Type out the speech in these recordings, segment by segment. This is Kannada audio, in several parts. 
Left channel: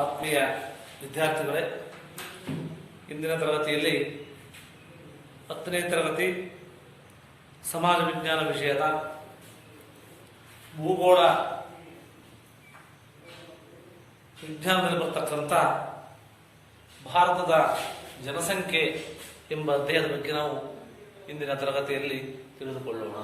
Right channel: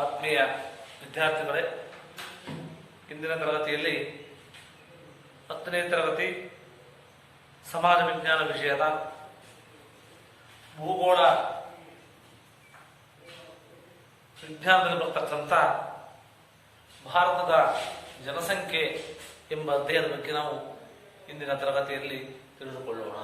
ಆತ್ಮೀಯ ವಿದ್ಯಾರ್ಥಿಗಳೇ, ಇಂದಿನ ತರಗತಿಯಲ್ಲಿ 10ನೇ ತರಗತಿ ಸಮಾಜ ವಿಜ್ಞಾನ ವಿಷಯದ ಭೂಗೋಳ ವಿಜ್ಞಾನದಲ್ಲಿ ಬರ್ತಕ್ಕಂಥ ಭಾರತದ ಜನಸಂಖ್ಯೆ ಎಂಬ ಅಧ್ಯಾಯದ ಬಗ್ಗೆ ನಾವು ಇಂದಿನ ತರಗತಿಯಲ್ಲಿ ತಿಳಿದುಕೊಳ್ಳೋಣ.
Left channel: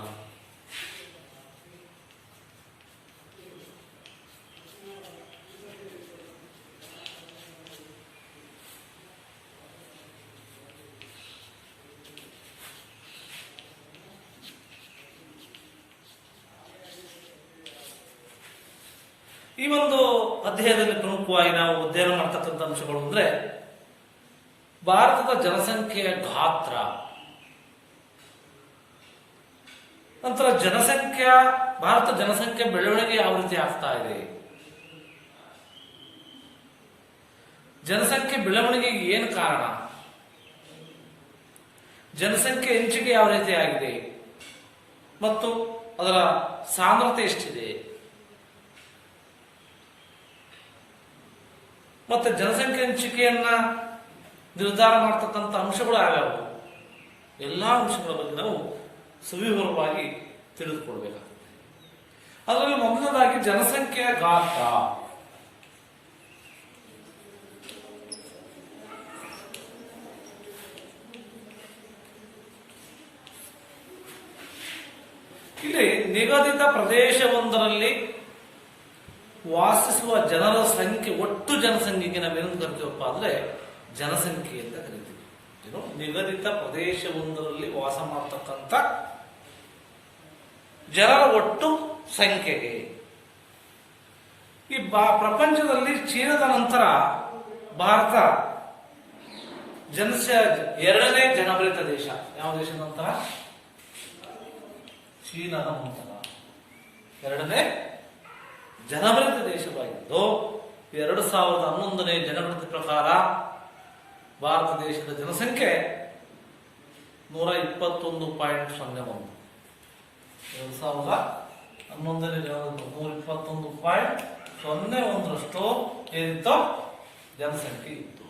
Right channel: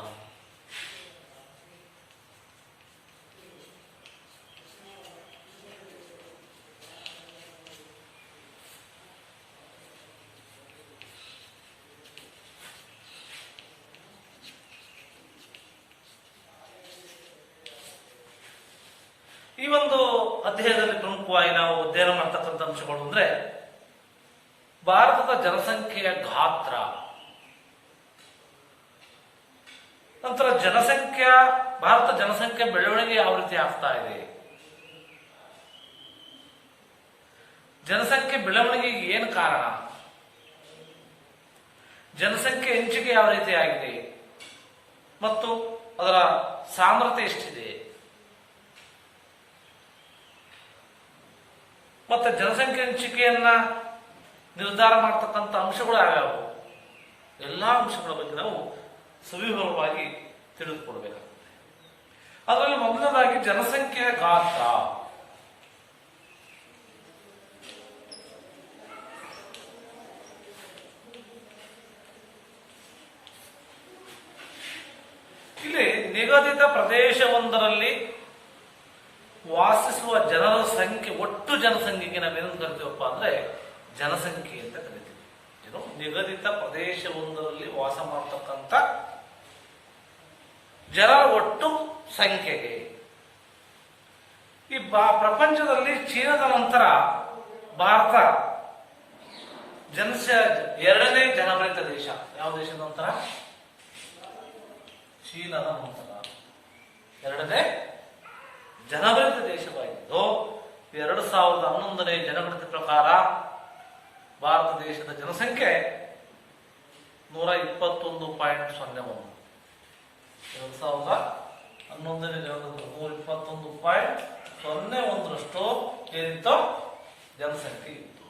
ಈ ಒಂದು ಅಧ್ಯಾಯದಲ್ಲಿ ಪ್ರಮುಖವಾಗಿ ನಾವು ಅಧ್ಯಯನ ಮಾಡತಕ್ಕಂಥ ಅಂಶಗಳು ಅಂದ್ರೆ ಭಾರತದ ಜನಸಂಖ್ಯೆಯ ಗಾತ್ರ, ನಂತರ ಭಾರತ ಜನಸಂಖ್ಯೆ ಬೆಳವಣಿಗೆ ಯಾವ ರೀತಿ ಆಗ್ತಾ ಇದೆ, ಜನಸಂಖ್ಯೆ ಬೆಳವಣಿಗೆಗೆ ಏನು ಕಾರಣ, ಜನಸಂಖ್ಯೆ ಹೆಚ್ಚಿಗೆ ಯಾವ ರೀತಿ ಆಗಿದೆ ಮತ್ತು ಅದರ ಸಾಂದ್ರತೆ ಎಷ್ಟಿದೆ, ಮತ್ತೆ ಜನಸಂಖ್ಯೆ ಹಂಚಿಕೆಯನ್ನ ನಿರ್ಧಾರ ಮಾಡತಕ್ಕಂಥ ಅಂಶಗಳು ಯಾವ್ಯಾವು, ಎಲ್ಲಾ ಅಂಶಗಳ ಬಗ್ಗೆ ನಾವು ಸವಿವರವಾಗಿ ತಿಳಿದುಕೊಳ್ಬೇಕಾಗ್ತದೆ. ಅದರಲ್ಲಿ ಮೊದಲನೇದಾಗಿ ಜನಸಂಖ್ಯೆಯ ಗಾತ್ರ. ಇಲ್ಲಿ ನಿಗದಿತ ಪ್ರದೇಶವೊಂದರಲ್ಲಿ ವಾಸಿಸುವ ಜನರ ಸಂಖ್ಯೆ, ಒಟ್ಟು ಜನಸಂಖ್ಯೆಗೆ ನಾವೇನು ಕರಿತೀವಪ್ಪ ಅಂದ್ರೆ ಜನಸಂಖ್ಯೆ ಅಂತ ಕರಿತೀವಿ. ಏನು, ನಿಗದಿತ ಪ್ರದೇಶವೊಂದರಲ್ಲಿ ವಾಸ ಮಾಡತಕ್ಕಂಥ ಜನರ ಒಟ್ಟು ಸಂಖ್ಯೆಗೆ. ಈ ಪ್ರಪಂಚದಲ್ಲಿ ಚೀನಾದ ನಂತರ ಭಾರತ ಎರಡನೇ ಜನಭರಿತ ದೇಶ. ಯಾವ ದೇಶದ ನಂತರ? ಚೀನಾದ ನಂತರ ಎರಡನೇ ಜನಭರಿತ ದೇಶವಾಗಿದ್ದು 2011ನೇ ಜನಗಣತಿ ಪ್ರಕಾರ ಭಾರತ ದೇಶದ ಜನಸಂಖ್ಯೆ 121.01. 2011ನೇ 121.01ರಷ್ಟು ಏನಿತ್ತು ಜನಸಂಖ್ಯೆ ಇತ್ತು.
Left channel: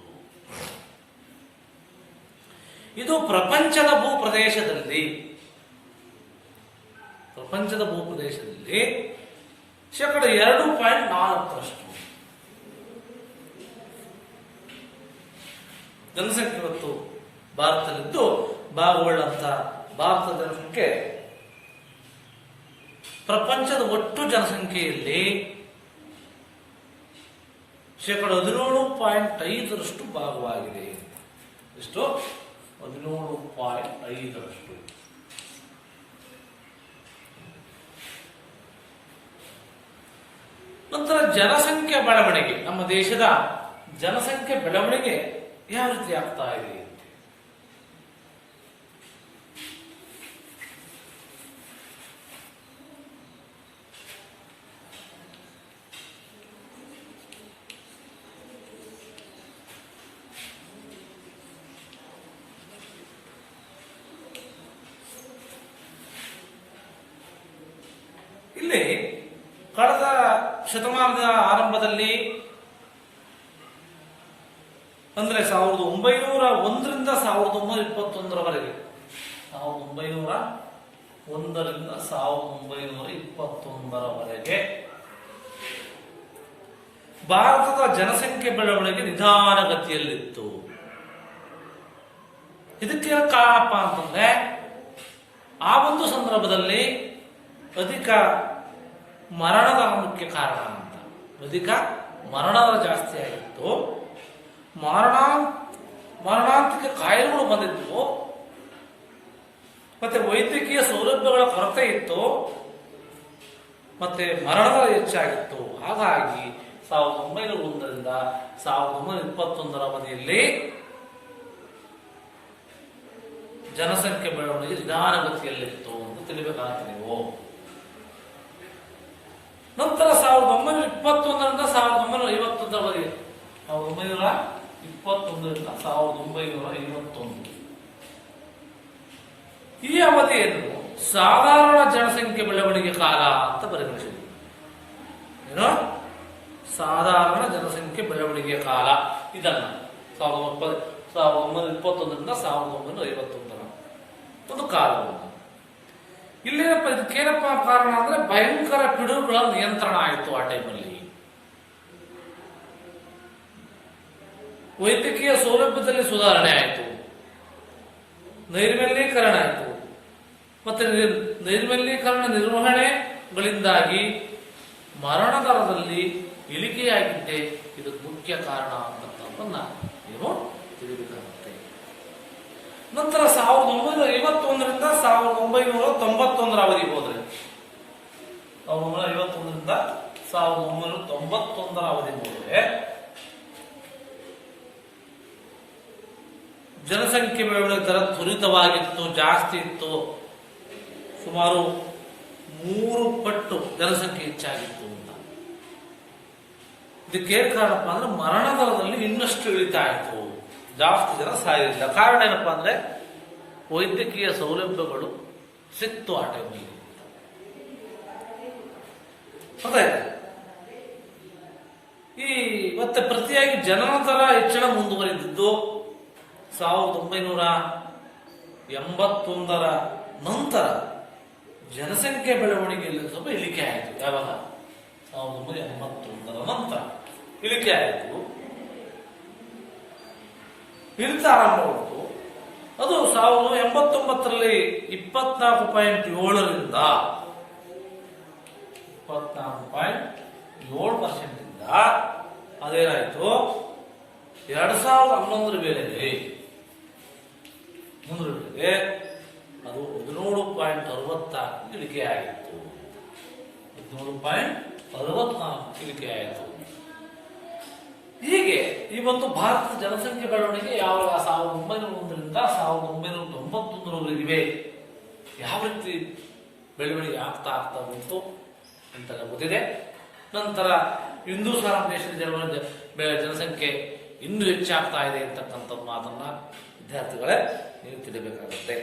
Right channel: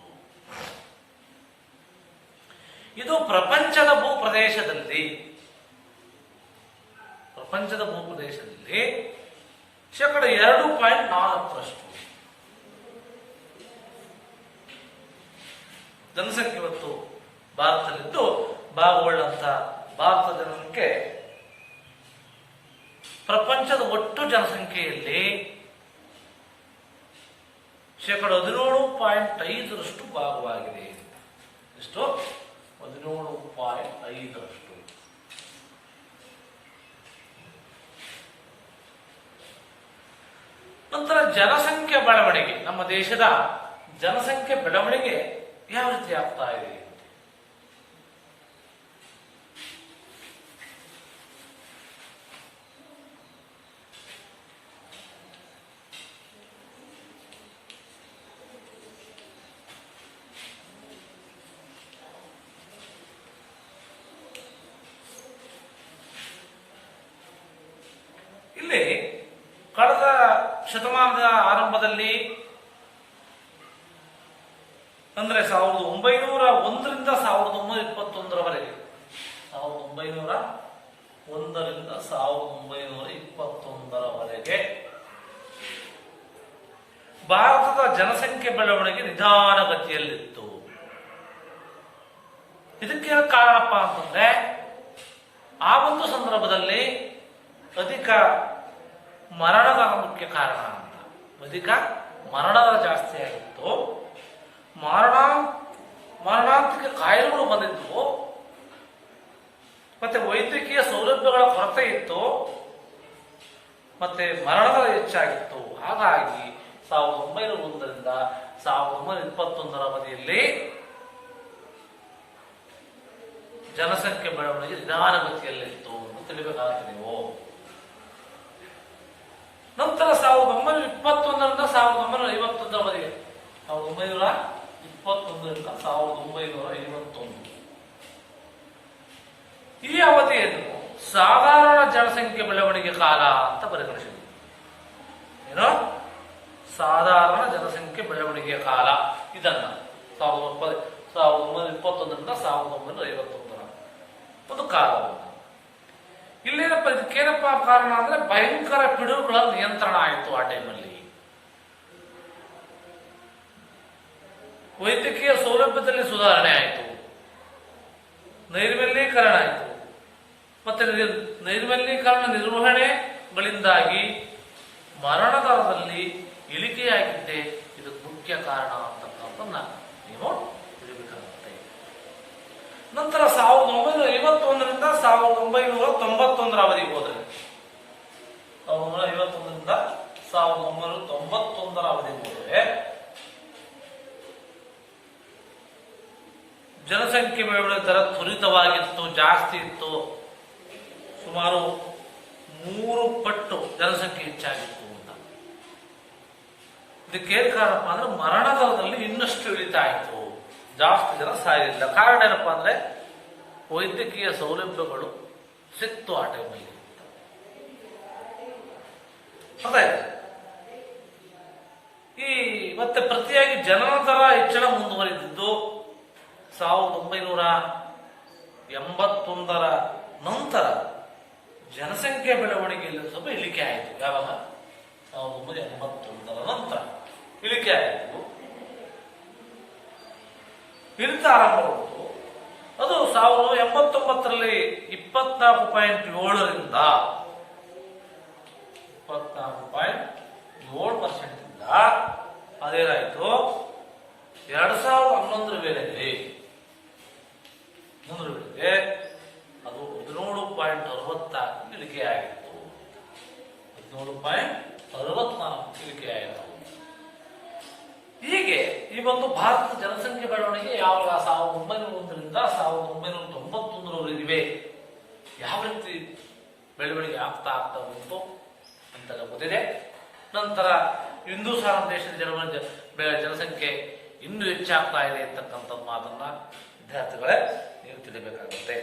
ಇದು ಪ್ರಪಂಚದ ಭೂಪ್ರದೇಶದಲ್ಲಿ ಶೇಕಡ 2.4ರಷ್ಟು ಜನಸಂಖ್ಯೆ ಇವತ್ತು ಭಾರತದಲ್ಲಿದ್ದು, ಭಾಗಗೊಳ್ಳುವಂತ ಭಾರತದ ಜನಸಂಖ್ಯೆ ಪ್ರಪಂಚದ ಒಟ್ಟು ಜನಸಂಖ್ಯೆಯಲ್ಲಿ ಶೇಕಡ 17.5ರಷ್ಟು ಭಾಗವಾಗಿದೆ. ಎಷ್ಟು? 17.5ರಷ್ಟು. ನಂತರ ಜನಸಂಖ್ಯೆ ಬೆಳವಣಿಗೆ, ನಮ್ಮ ದೇಶದ ಜನಸಂಖ್ಯೆ ಬೆಳವಣಿಗೆ ಯಾವ ರೀತಿ ಆಗ್ತಾ ಇದೆ? ಇಲ್ಲಿ ಕಳೆದ ಶತಮಾನದ ಆರಂಭದಲ್ಲಿ ಅಂದ್ರೆ 1901ರಿಂದ 1921ರವರೆಗೆ, 1901ರಿಂದ 1921ರವರೆಗೆ ಭಾರತದ ಜನಸಂಖ್ಯೆ ಬೆಳವಣಿಗೆ ನಿಧಾನಗತಿಯಲ್ಲಿತ್ತು. ಇದಕ್ಕೆ ಕಾರಣಪ್ಪ ಅಂತಂದ್ರೆ ಆ ಒಂದು ಸಂದರ್ಭದಲ್ಲಿ ಅಧಿಕ ಮರಣದ ಮುಖ್ಯ ಕಾರಣ ಅಂತ. ಅಧಿಕ ಮರಣದ ಜಾಸ್ತಿ ಆಗಿತ್ತು, ಮಾರಣಾಂತಿಕ ಕಾಯಿಲೆಗಳು ಬಂದಿದ್ವು, ಮತ್ತೆ ವೈದ್ಯಕೀಯ ಸೌಲಭ್ಯಗಳ ಕೊರತೆ ಇತ್ತು, ಮತ್ತೆ ಮರಣದ ಹೆಚ್ಚಾಗಿತ್ತು. ಹಾಗಾಗಿ 1901ರಿಂದ 1921ರ ಅವಧಿಯಲ್ಲಿ ಜನಸಂಖ್ಯೆ ಬೆಳವಣಿಗೆ ನಿಧಾನಗತಿಯಲ್ಲಿತ್ತು ಅಂತ ತಿಳಿಬೇಕಾಗ್ತದೆ ನೀವು. ನಂತರ 1921ರಿಂದ 1951 ಅವಧಿಗೆ, 1921ರಿಂದ 1951 ಈ ಅವಧಿಯನ್ನು ಸಾಧಾರಣ ಜನಸಂಖ್ಯೆ ಬೆಳವಣಿಗೆ ಕಾಲ ಅಂತ ಪರಿಗಣಿಸಿದೆ. ಏನು? ಸಾಧಾರಣ ಜನಸಂಖ್ಯೆ ಬೆಳವಣಿಗೆಯ ಕಾಲ ಇದನ್ನ 1921ರಿಂದ 1951 ಒಂದು ಕಾಲವನ್ನು. ಇಲ್ಲೇನಪ್ಪ ಇದಕ್ಕೇನಪ್ಪ ಕಾರಣ ಅಂದ್ರೆ ಭಯಂಕರ ಪಿಡುಗುಗಳ ನಿಯಂತ್ರಣ ಆಯಿತು ಆ ಟೈಮಲ್ಲಿ. ವೈದ್ಯಕೀಯ ಸೌಲಭ್ಯದಲ್ಲಿ ಸುಧಾರಣೆ ಆಯಿತು, ನೈರ್ಮಲ್ಯೀಕರಣ ಆಯಿತು, ಮತ್ತೆ ನೈರ್ಮಲ್ಯೀಕರಣ ನಿರ್ವಹಣೆಗಳಿಂದಾಗಿ ಮರಣ ದರದಲ್ಲಿ ಇಳಿಕೆಯಾಗಿದ್ದೆ ಇದಕ್ಕೆ ಮುಖ್ಯ ಕಾರಣ ಅಂತಕ್ಕಂಥದ್ದನ್ನ ನೀವು ತಿಳಿದುಕೊಳ್ಳುತ್ತೆ. ನಂತರ 1951ರಿಂದ 1991 ಅವಧಿಗೆ ಹೋದರೆ 1951ರಿಂದ 1991 ಅವಧಿಗೆ ಹೋದರೆ ಜನಸಂಖ್ಯೆ ಬೆಳವಣಿಗೆ ದರ ತ್ವರಿತವಾಗಿತ್ತು, ಜಾಸ್ತಿ ಇತ್ತು. ಸುಮಾರು 3 ಪಟ್ಟು ಜನಸಂಖ್ಯೆ ಹೆಚ್ಚಾಗಿತ್ತು ಅಂತ. ಇದಕ್ಕೆ ಕಾರಣಪ್ಪ ಅಂದ್ರೆ ಮರಣ ದರದಲ್ಲಿ ಇನ್ನಷ್ಟು ಇಳಿತಾ ಇತ್ತು, ಜಾಸ್ತಿ ಜನ ಸಾಯಲಿಲ್ಲ. ಕಾರಣ ಏನಪ್ಪಾ ಅಂದ್ರೆ ವೈದ್ಯಕೀಯ ಸೌಲಭ್ಯಗಳು ಸಿಕ್ತು ಆ ಟೈಮಲ್ಲಿ. ಈ ಮತ್ತೆ ಪ್ರತಿಯಾಗಿ ಜನನ ದರ ಹೆಚ್ಚಳ ಮುಂದುವರಿದಿದ್ದು 1981ರ ನಂತರ ಜನಸಂಖ್ಯೆ ಬೆಳವಣಿಗೆಯಲ್ಲಿ ಸ್ವಲ್ಪ ಇಳಿಕೆ ಆಯಿತು. ಯಾವಾಗ 1981ರ ನಂತರ ಇಳಿಕೆ ಆಯಿತು, ಇಳಿತ ಆರಂಭವಾಯಿತು. ಅದು 1989ರಲ್ಲಿ 24.7ರಿಂದ 24.7% ಇಂದ ಅದೇನಾಯಿತು 2011 ವೇಳೆಗೆ ಅದು 17.64 ಇಳಿಕೆ ಆಯಿತು. 17.64 ಇಳಿಕೆ ಆಯಿತು. ಹೀಗೆ ಇವತ್ತು ಭಾರತದ ಜನಸಂಖ್ಯೆ ಬೆಳವಣಿಗೆ ಯಾವಾಗ 1901ರಿಂದ 1991ರವರೆಗಿವೆ ಯಾವ ರೀತಿ ಬೆಳವಣಿಗೆ ಆಗ್ತಾ ಬಂತು ಅಂತೆಲ್ಲ ಗೊತ್ತಿದೆ. ನಂತರ ಹಿಂದೂ ಸಾರಾಂಶ ದೇಶದ ಜನಸಂಖ್ಯೆ ಇನ್ನೂ ಹೆಚ್ಚಾಗ್ತಾ ಇದೆ ಅಂತಕ್ಕಂಥ ಮಾತನ್ನ ವಿದ್ಯಾರ್ಥಿಗಳೇ ನೀವು ತಿಳಿಬೇಕಾಗುತ್ತೆ.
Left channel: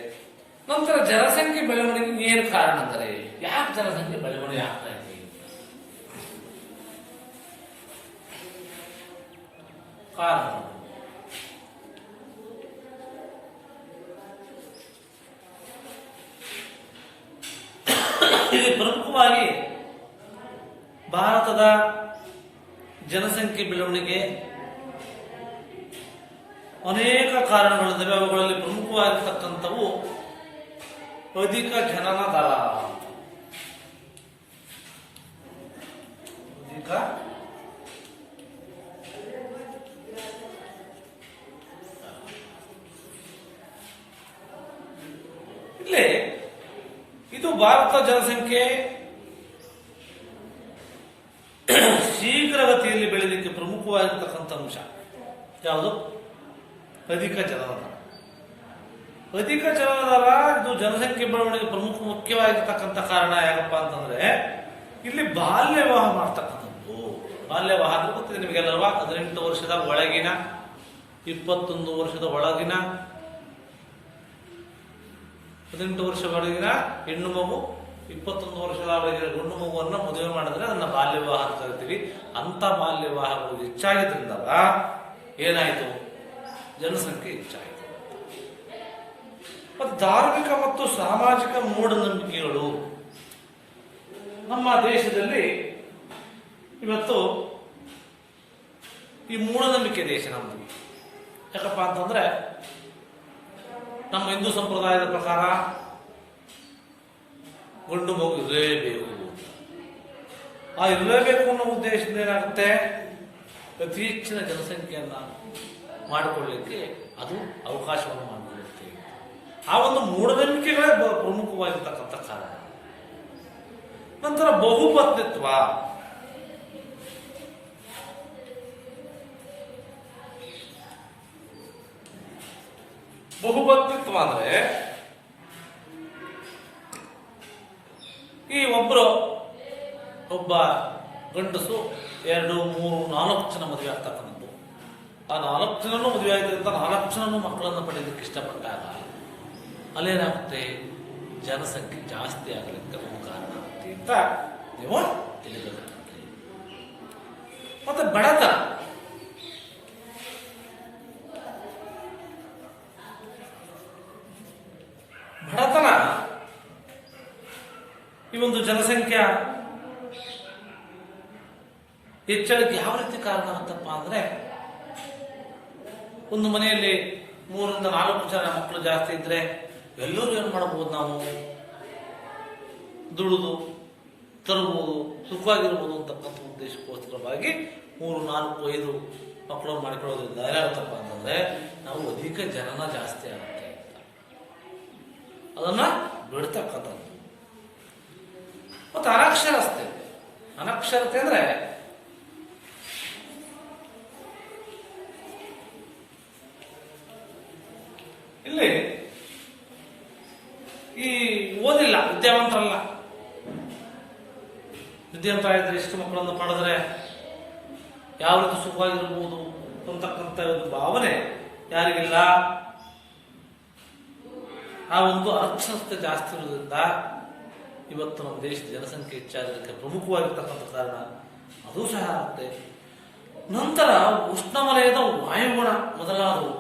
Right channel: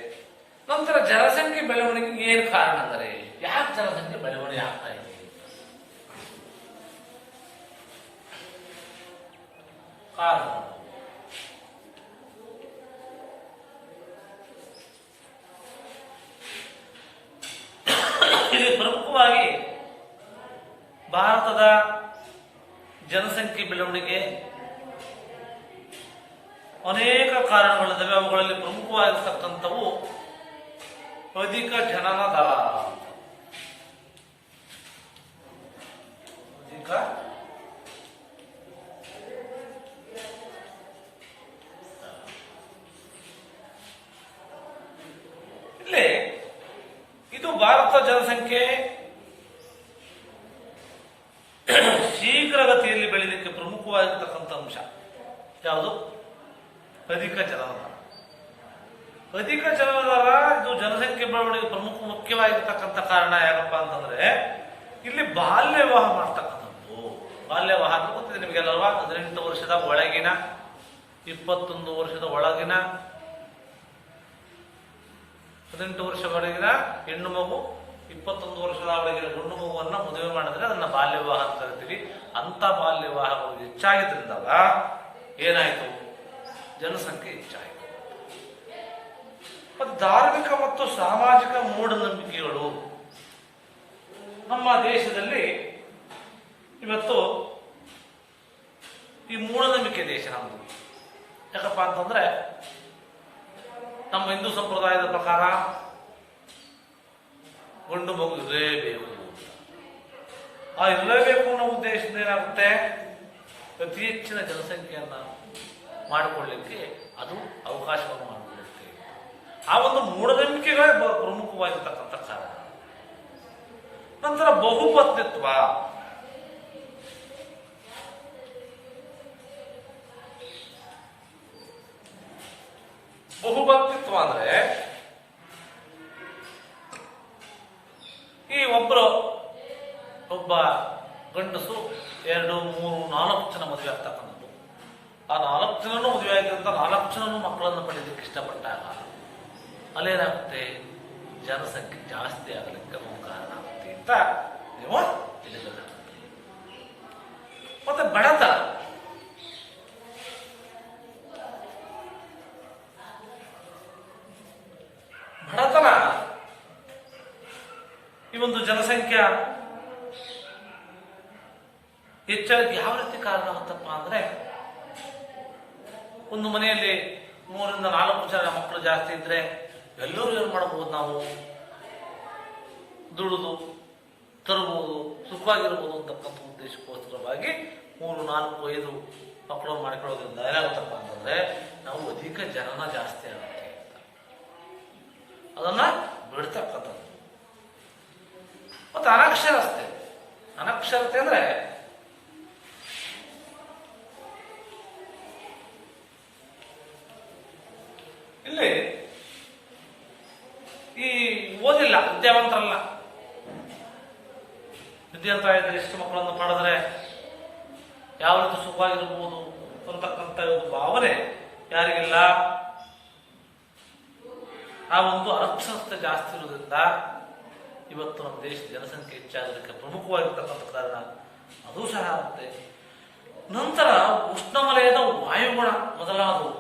ನಂತರ ಜನಸಂಖ್ಯೆ ಬೆಳವಣಿಗೆಗೆ ಏನು ಕಾರಣ ಅಂದರೆ ಯಾಕೆ ಜನಸಂಖ್ಯೆ ಬೆಳವಣಿಗೆ ಆಗ್ತಾ ಇದೆ? ಕಾರಣ ಇಲ್ಲಿ ಪ್ರಮುಖವಾಗಿ ಭಾರತದ ಜನಸಂಖ್ಯೆ ಬೆಳವಣಿಗೆ ಅನೇಕ ಕಾರಣಗಳಿದ್ದಾವೆ. ಅವುಗಳಲ್ಲಿ ಪ್ರಮುಖವಾಗಿರ್ತಕ್ಕಂಥವು ಅಧಿಕ ಜನನ ದರ. ಇಲ್ಲಿ ಇದು ಭಾರತ ಜನಸಂಖ್ಯೆ ಶೀಘ್ರಗತಿಯಲ್ಲಿ ಬೆಳೆಯಲಿಕ್ಕೆ ಪ್ರಮುಖವಾಗಿರ್ತಕ್ಕಂಥ ಅಂಶ ಯಾವುದು? ಅಧಿಕ ಜನನ ದರ. ಅಧಿಕ ಜನನ ದರ ಇದು ಜನಸಂಖ್ಯೆ ಬೆಳವಣಿಗೆ ಮುಖ್ಯವಾಗಿರ್ತಕ್ಕಂಥ ಕಾರಣ ಯಾಕಪ್ಪ ಅಂತಂದ್ರೆ ಇಲ್ಲಿ ಬಾಲ್ಯ ವಿವಾಹ ಮಾಡ್ತಕ್ಕಂಥದ್ದು. ಬಾಲ್ಯ ವಿವಾಹ ಅಂದ್ರೆ ಗೊತ್ತಿದೆ ನಿಮಗೆಲ್ಲವಾ, 18 ವರ್ಷದ ಒಳಗಿನ 21 ವರ್ಷದ ಒಳಗಿನ 18 ವರ್ಷ ಒಳಗಿನ ಹೆಣ್ಣು ಮಗು 21 ವರ್ಷದ ಒಳಗಿನ ಗಂಡು ಮಗುವನ್ನ ಮದುವೆ ಮಾಡಿದ್ರೆ ಅದನ್ನ ಬಾಲ್ಯ ವಿವಾಹ ಅಂತ ಕರಿತೀವಿ. ಅಂತ ಬಾಲ್ಯ ವಿವಾಹಗಳು ಹೆಚ್ಚಾಗಿದ್ರಿಂದ ಏನಾಯ್ತು? ಜನಸಂಖ್ಯೆ ಹೆಚ್ಚಾಯಿತು. ಮತ್ತು ಧಾರ್ಮಿಕ ಮತ್ತು ಸಾಮಾಜಿಕ ಮೂಢನಂಬಿಕೆಗಳು ನಮ್ಮ ದೇಶದಲ್ಲಿ ಇವತ್ತು ಈ ಮೂಢನಂಬಿಕೆ ದೇಶ ನಮ್ಮದು. ಯಾಕಪ್ಪ ಅಂತಂದ್ರೆ ನಮ್ಮ ಹಿಂದೂ ಸಂಪ್ರದಾಯದ ಪ್ರಕಾರ ಗಂಡು ಮಗು ಇರಲೇಬೇಕು. ಆ ಇರಲೇಬೇಕು ಅನ್ನೋ ಉದ್ದೇಶದಿಂದ ಏನಾಗುತ್ತೆ, ಅತಿ ಹೆಚ್ಚಿನ ಜನಸಂಖ್ಯೆಯನ್ನ ಮಾಡಿಕೊಳ್ಳಲಿಕ್ಕೆ ಅದು ಅವಕಾಶವನ್ನು ಮಾಡಿಕೊಳ್ಳುತ್ತೆ. ಆ ಒಂದು ಮೂಢನಂಬಿಕೆಗಳೇ ಪ್ರಮುಖವಾಗಿರ್ತಕ್ಕಂಥ ಕಾರಣ. ನಂತರ ಬಹುಪತ್ನಿತ್ವ. ಬಹುಪತ್ನಿತ್ವ ಅಂದ್ರೆ ಈ ಒಬ್ಬ ಗಂಡಸು 2, 3, 4 ಜನ ಮದುವೆ ಆಗ್ತಕ್ಕಂಥದ್ದು. ಆ 4 ಜನನು ಮದುವೆ ಆಗಿದೆ ಅಂತ 4 ಜನನು ಮಕ್ಕಳನ್ನು ಪಡೆಯಲಿಕ್ಕೆ ಇಷ್ಟಪಟ್ಟಾಗ ಅಲ್ಲೇನಾಗುತ್ತೆ, ಜನಸಂಖ್ಯೆ ಜಾಸ್ತಿ ಆಗೋದಕ್ಕೆ ಒಂದು ಕಾರಣ ಆಗುತ್ತೆ ಅಂತ ನೀವು ತಿಳಿಯಬೇಕಾಗುತ್ತೆ. ಹೆಚ್ಚಳಕ್ಕೆ ಯಾವ ರೀತಿ ಕಾರಣ ಆಗುತ್ತಪ್ಪ ಅಂದ್ರೆ, ಒಂದು ಮನೆಯಲ್ಲಿ 3ರಿಂದ 4 ಜನ ಮಕ್ಕಳು ಜಾಸ್ತಿ ಇದ್ರೆ ಎಲ್ಲರೂ ಏನ್ ಮಾಡಬಹುದು, ನಾವು ದುಡಿದು ತರಬಹುದು, ಸುಖವಾಗಿರ್ಬೋದು ಅಂತಕ್ಕಂಥ ಉದ್ದೇಶಕ್ಕೋಸ್ಕರವಾಗಿ 3, 4, 5 ಮಕ್ಕಳು ಮಾಡಿಕೊಳ್ಳೋದ್ರಿಂದ ಏನಾಗುತ್ತಪ್ಪ ಅಂತಂದ್ರೆ ನಾವು ಅಧಿಕ ಜನನ ಜಾಸ್ತಿ ಆಗುತ್ತೆ ಅಂತ ಅದನ್ನ ಬಿಡ್ತಕ್ಕಂಥದ್ದು. ಮತ್ತು ಅನಕ್ಷರತೆ ಅಂದ್ರೆ ಇಲ್ಲಿ ಈ ಓದಿಲ್ಲ, ವಿದ್ಯಾವಂತರಲ್ಲ, ವಿದ್ಯಾವಂತರ ಇದ್ರೆ ಎಷ್ಟು ಮಕ್ಕಳನ್ನು ಪಡೆದ್ರೆ ಯಾವ ರೀತಿ ಸುಖವಾಗಿರ್ಬೋದು ಅಂತಕ್ಕಂಥ ಒಂದು ಭಾವನೆ ಯಾರಿಗಿಲ್ಲ. ಆ ಒಂದು ಅನಕ್ಷರತೆ ಜಾಸ್ತಿ ಇರೋದ್ರಿಂದ ಇವತ್ತು ನಮ್ಮ ದೇಶದ ಜನಸಂಖ್ಯೆ ಹೆಚ್ಚಾಗೋದಕ್ಕೆ ಪ್ರಮುಖವಾಗಿರ್ತಕ್ಕಂಥ ಕಾರಣ ಅದು ಸಹ ಆಗುತ್ತೆ. ನಂತರ ಉಷ್ಣವಲಯದ ವಾಯುಗುಣ ಮೊದಲಾದವು.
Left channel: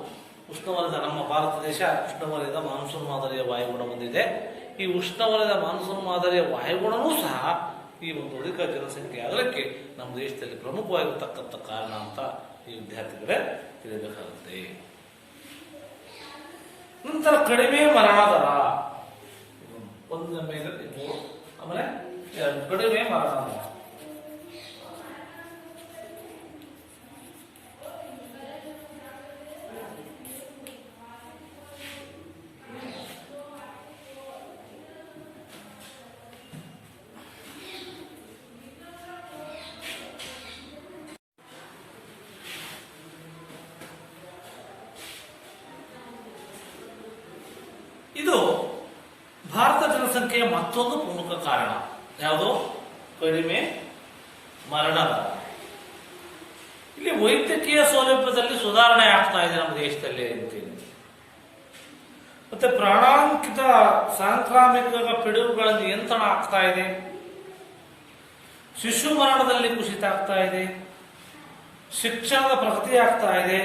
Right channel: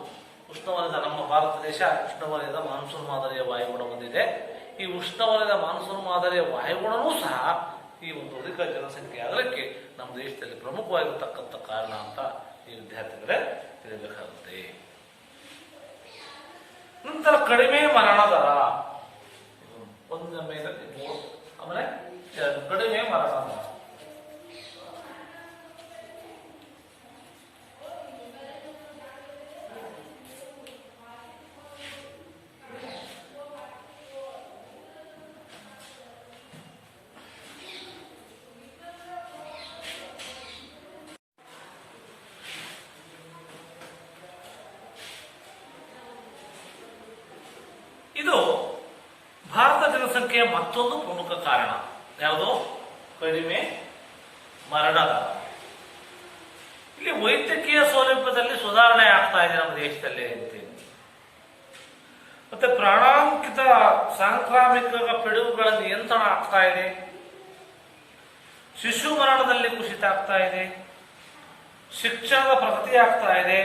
ಉಷ್ಣವಲಯದ ನಮ್ಮ ಭಾರತ ದೇಶ ಉಷ್ಣವಲಯದ ಮಾನ್ಸೂನ್ ಮಾದರಿಯ ವಾಯುಗುಣ ಹೊಂದಿದೆ. ಈ ಉಷ್ಣವಲಯದ ಮಾನ್ಸೂನ್ ಮಾದರಿಯ ವಾಯುಗುಣವೂ ಸಹ ಈ ಒಂದು ಅಧಿಕ ಜನಸಂಖ್ಯೆ ಆಗಲಿಕ್ಕೆ ನಮ್ಮ ದೇಶದಲ್ಲಿ ಪ್ರಮುಖವಾಗಿರ್ತಕ್ಕಂಥ ಕಾರಣ ಅಂತ ಈ ವಿದ್ಯಾರ್ಥಿಗಳೇ ತಿಳಿಬೇಕಾಗುತ್ತೆ. ನಂತರ ಕಡಿಮೆ ಮರಣ ದರ, ಒಂದರ ಮೇಲೆ 3, ಆಮೇಲೆ 2 ಕಡಿಮೆ ಮರಣ ದರ. ಇದು ಭಾರತ ಜನಸಂಖ್ಯೆಯ ಮತ್ತೊಂದು ಪ್ರಮುಖ ಕಾರಣ. ಯಾವುದು? ಕಡಿಮೆ ಮರಣ ದರ. ಇಲ್ಲಿ ವೈದ್ಯಕೀಯ ಸೌಲಭ್ಯದಲ್ಲಿ ಸುಧಾರಣೆ ಆಗ್ತಾ ಇದೆ ನಮ್ಮ ದೇಶದಲ್ಲಿ ಅಂತೀನಿ. ಮತ್ತೆ ಪ್ರಾಣಾಂಕಿತ ಸಾಂಕ್ರಾಮಿಕ ಪಿಡುಗುಗಳ ನಿಯಂತ್ರಣ ಆಗ್ತಾ ಇದೆ. ಶಿಶು ಮರಣದಲ್ಲಿ ಕುಸಿತ ಆಗ್ತಾ ಇದೆ. ಶಿಕ್ಷಣದ ಪ್ರಗತಿ ಆಗ್ತಾ ಇದೆ.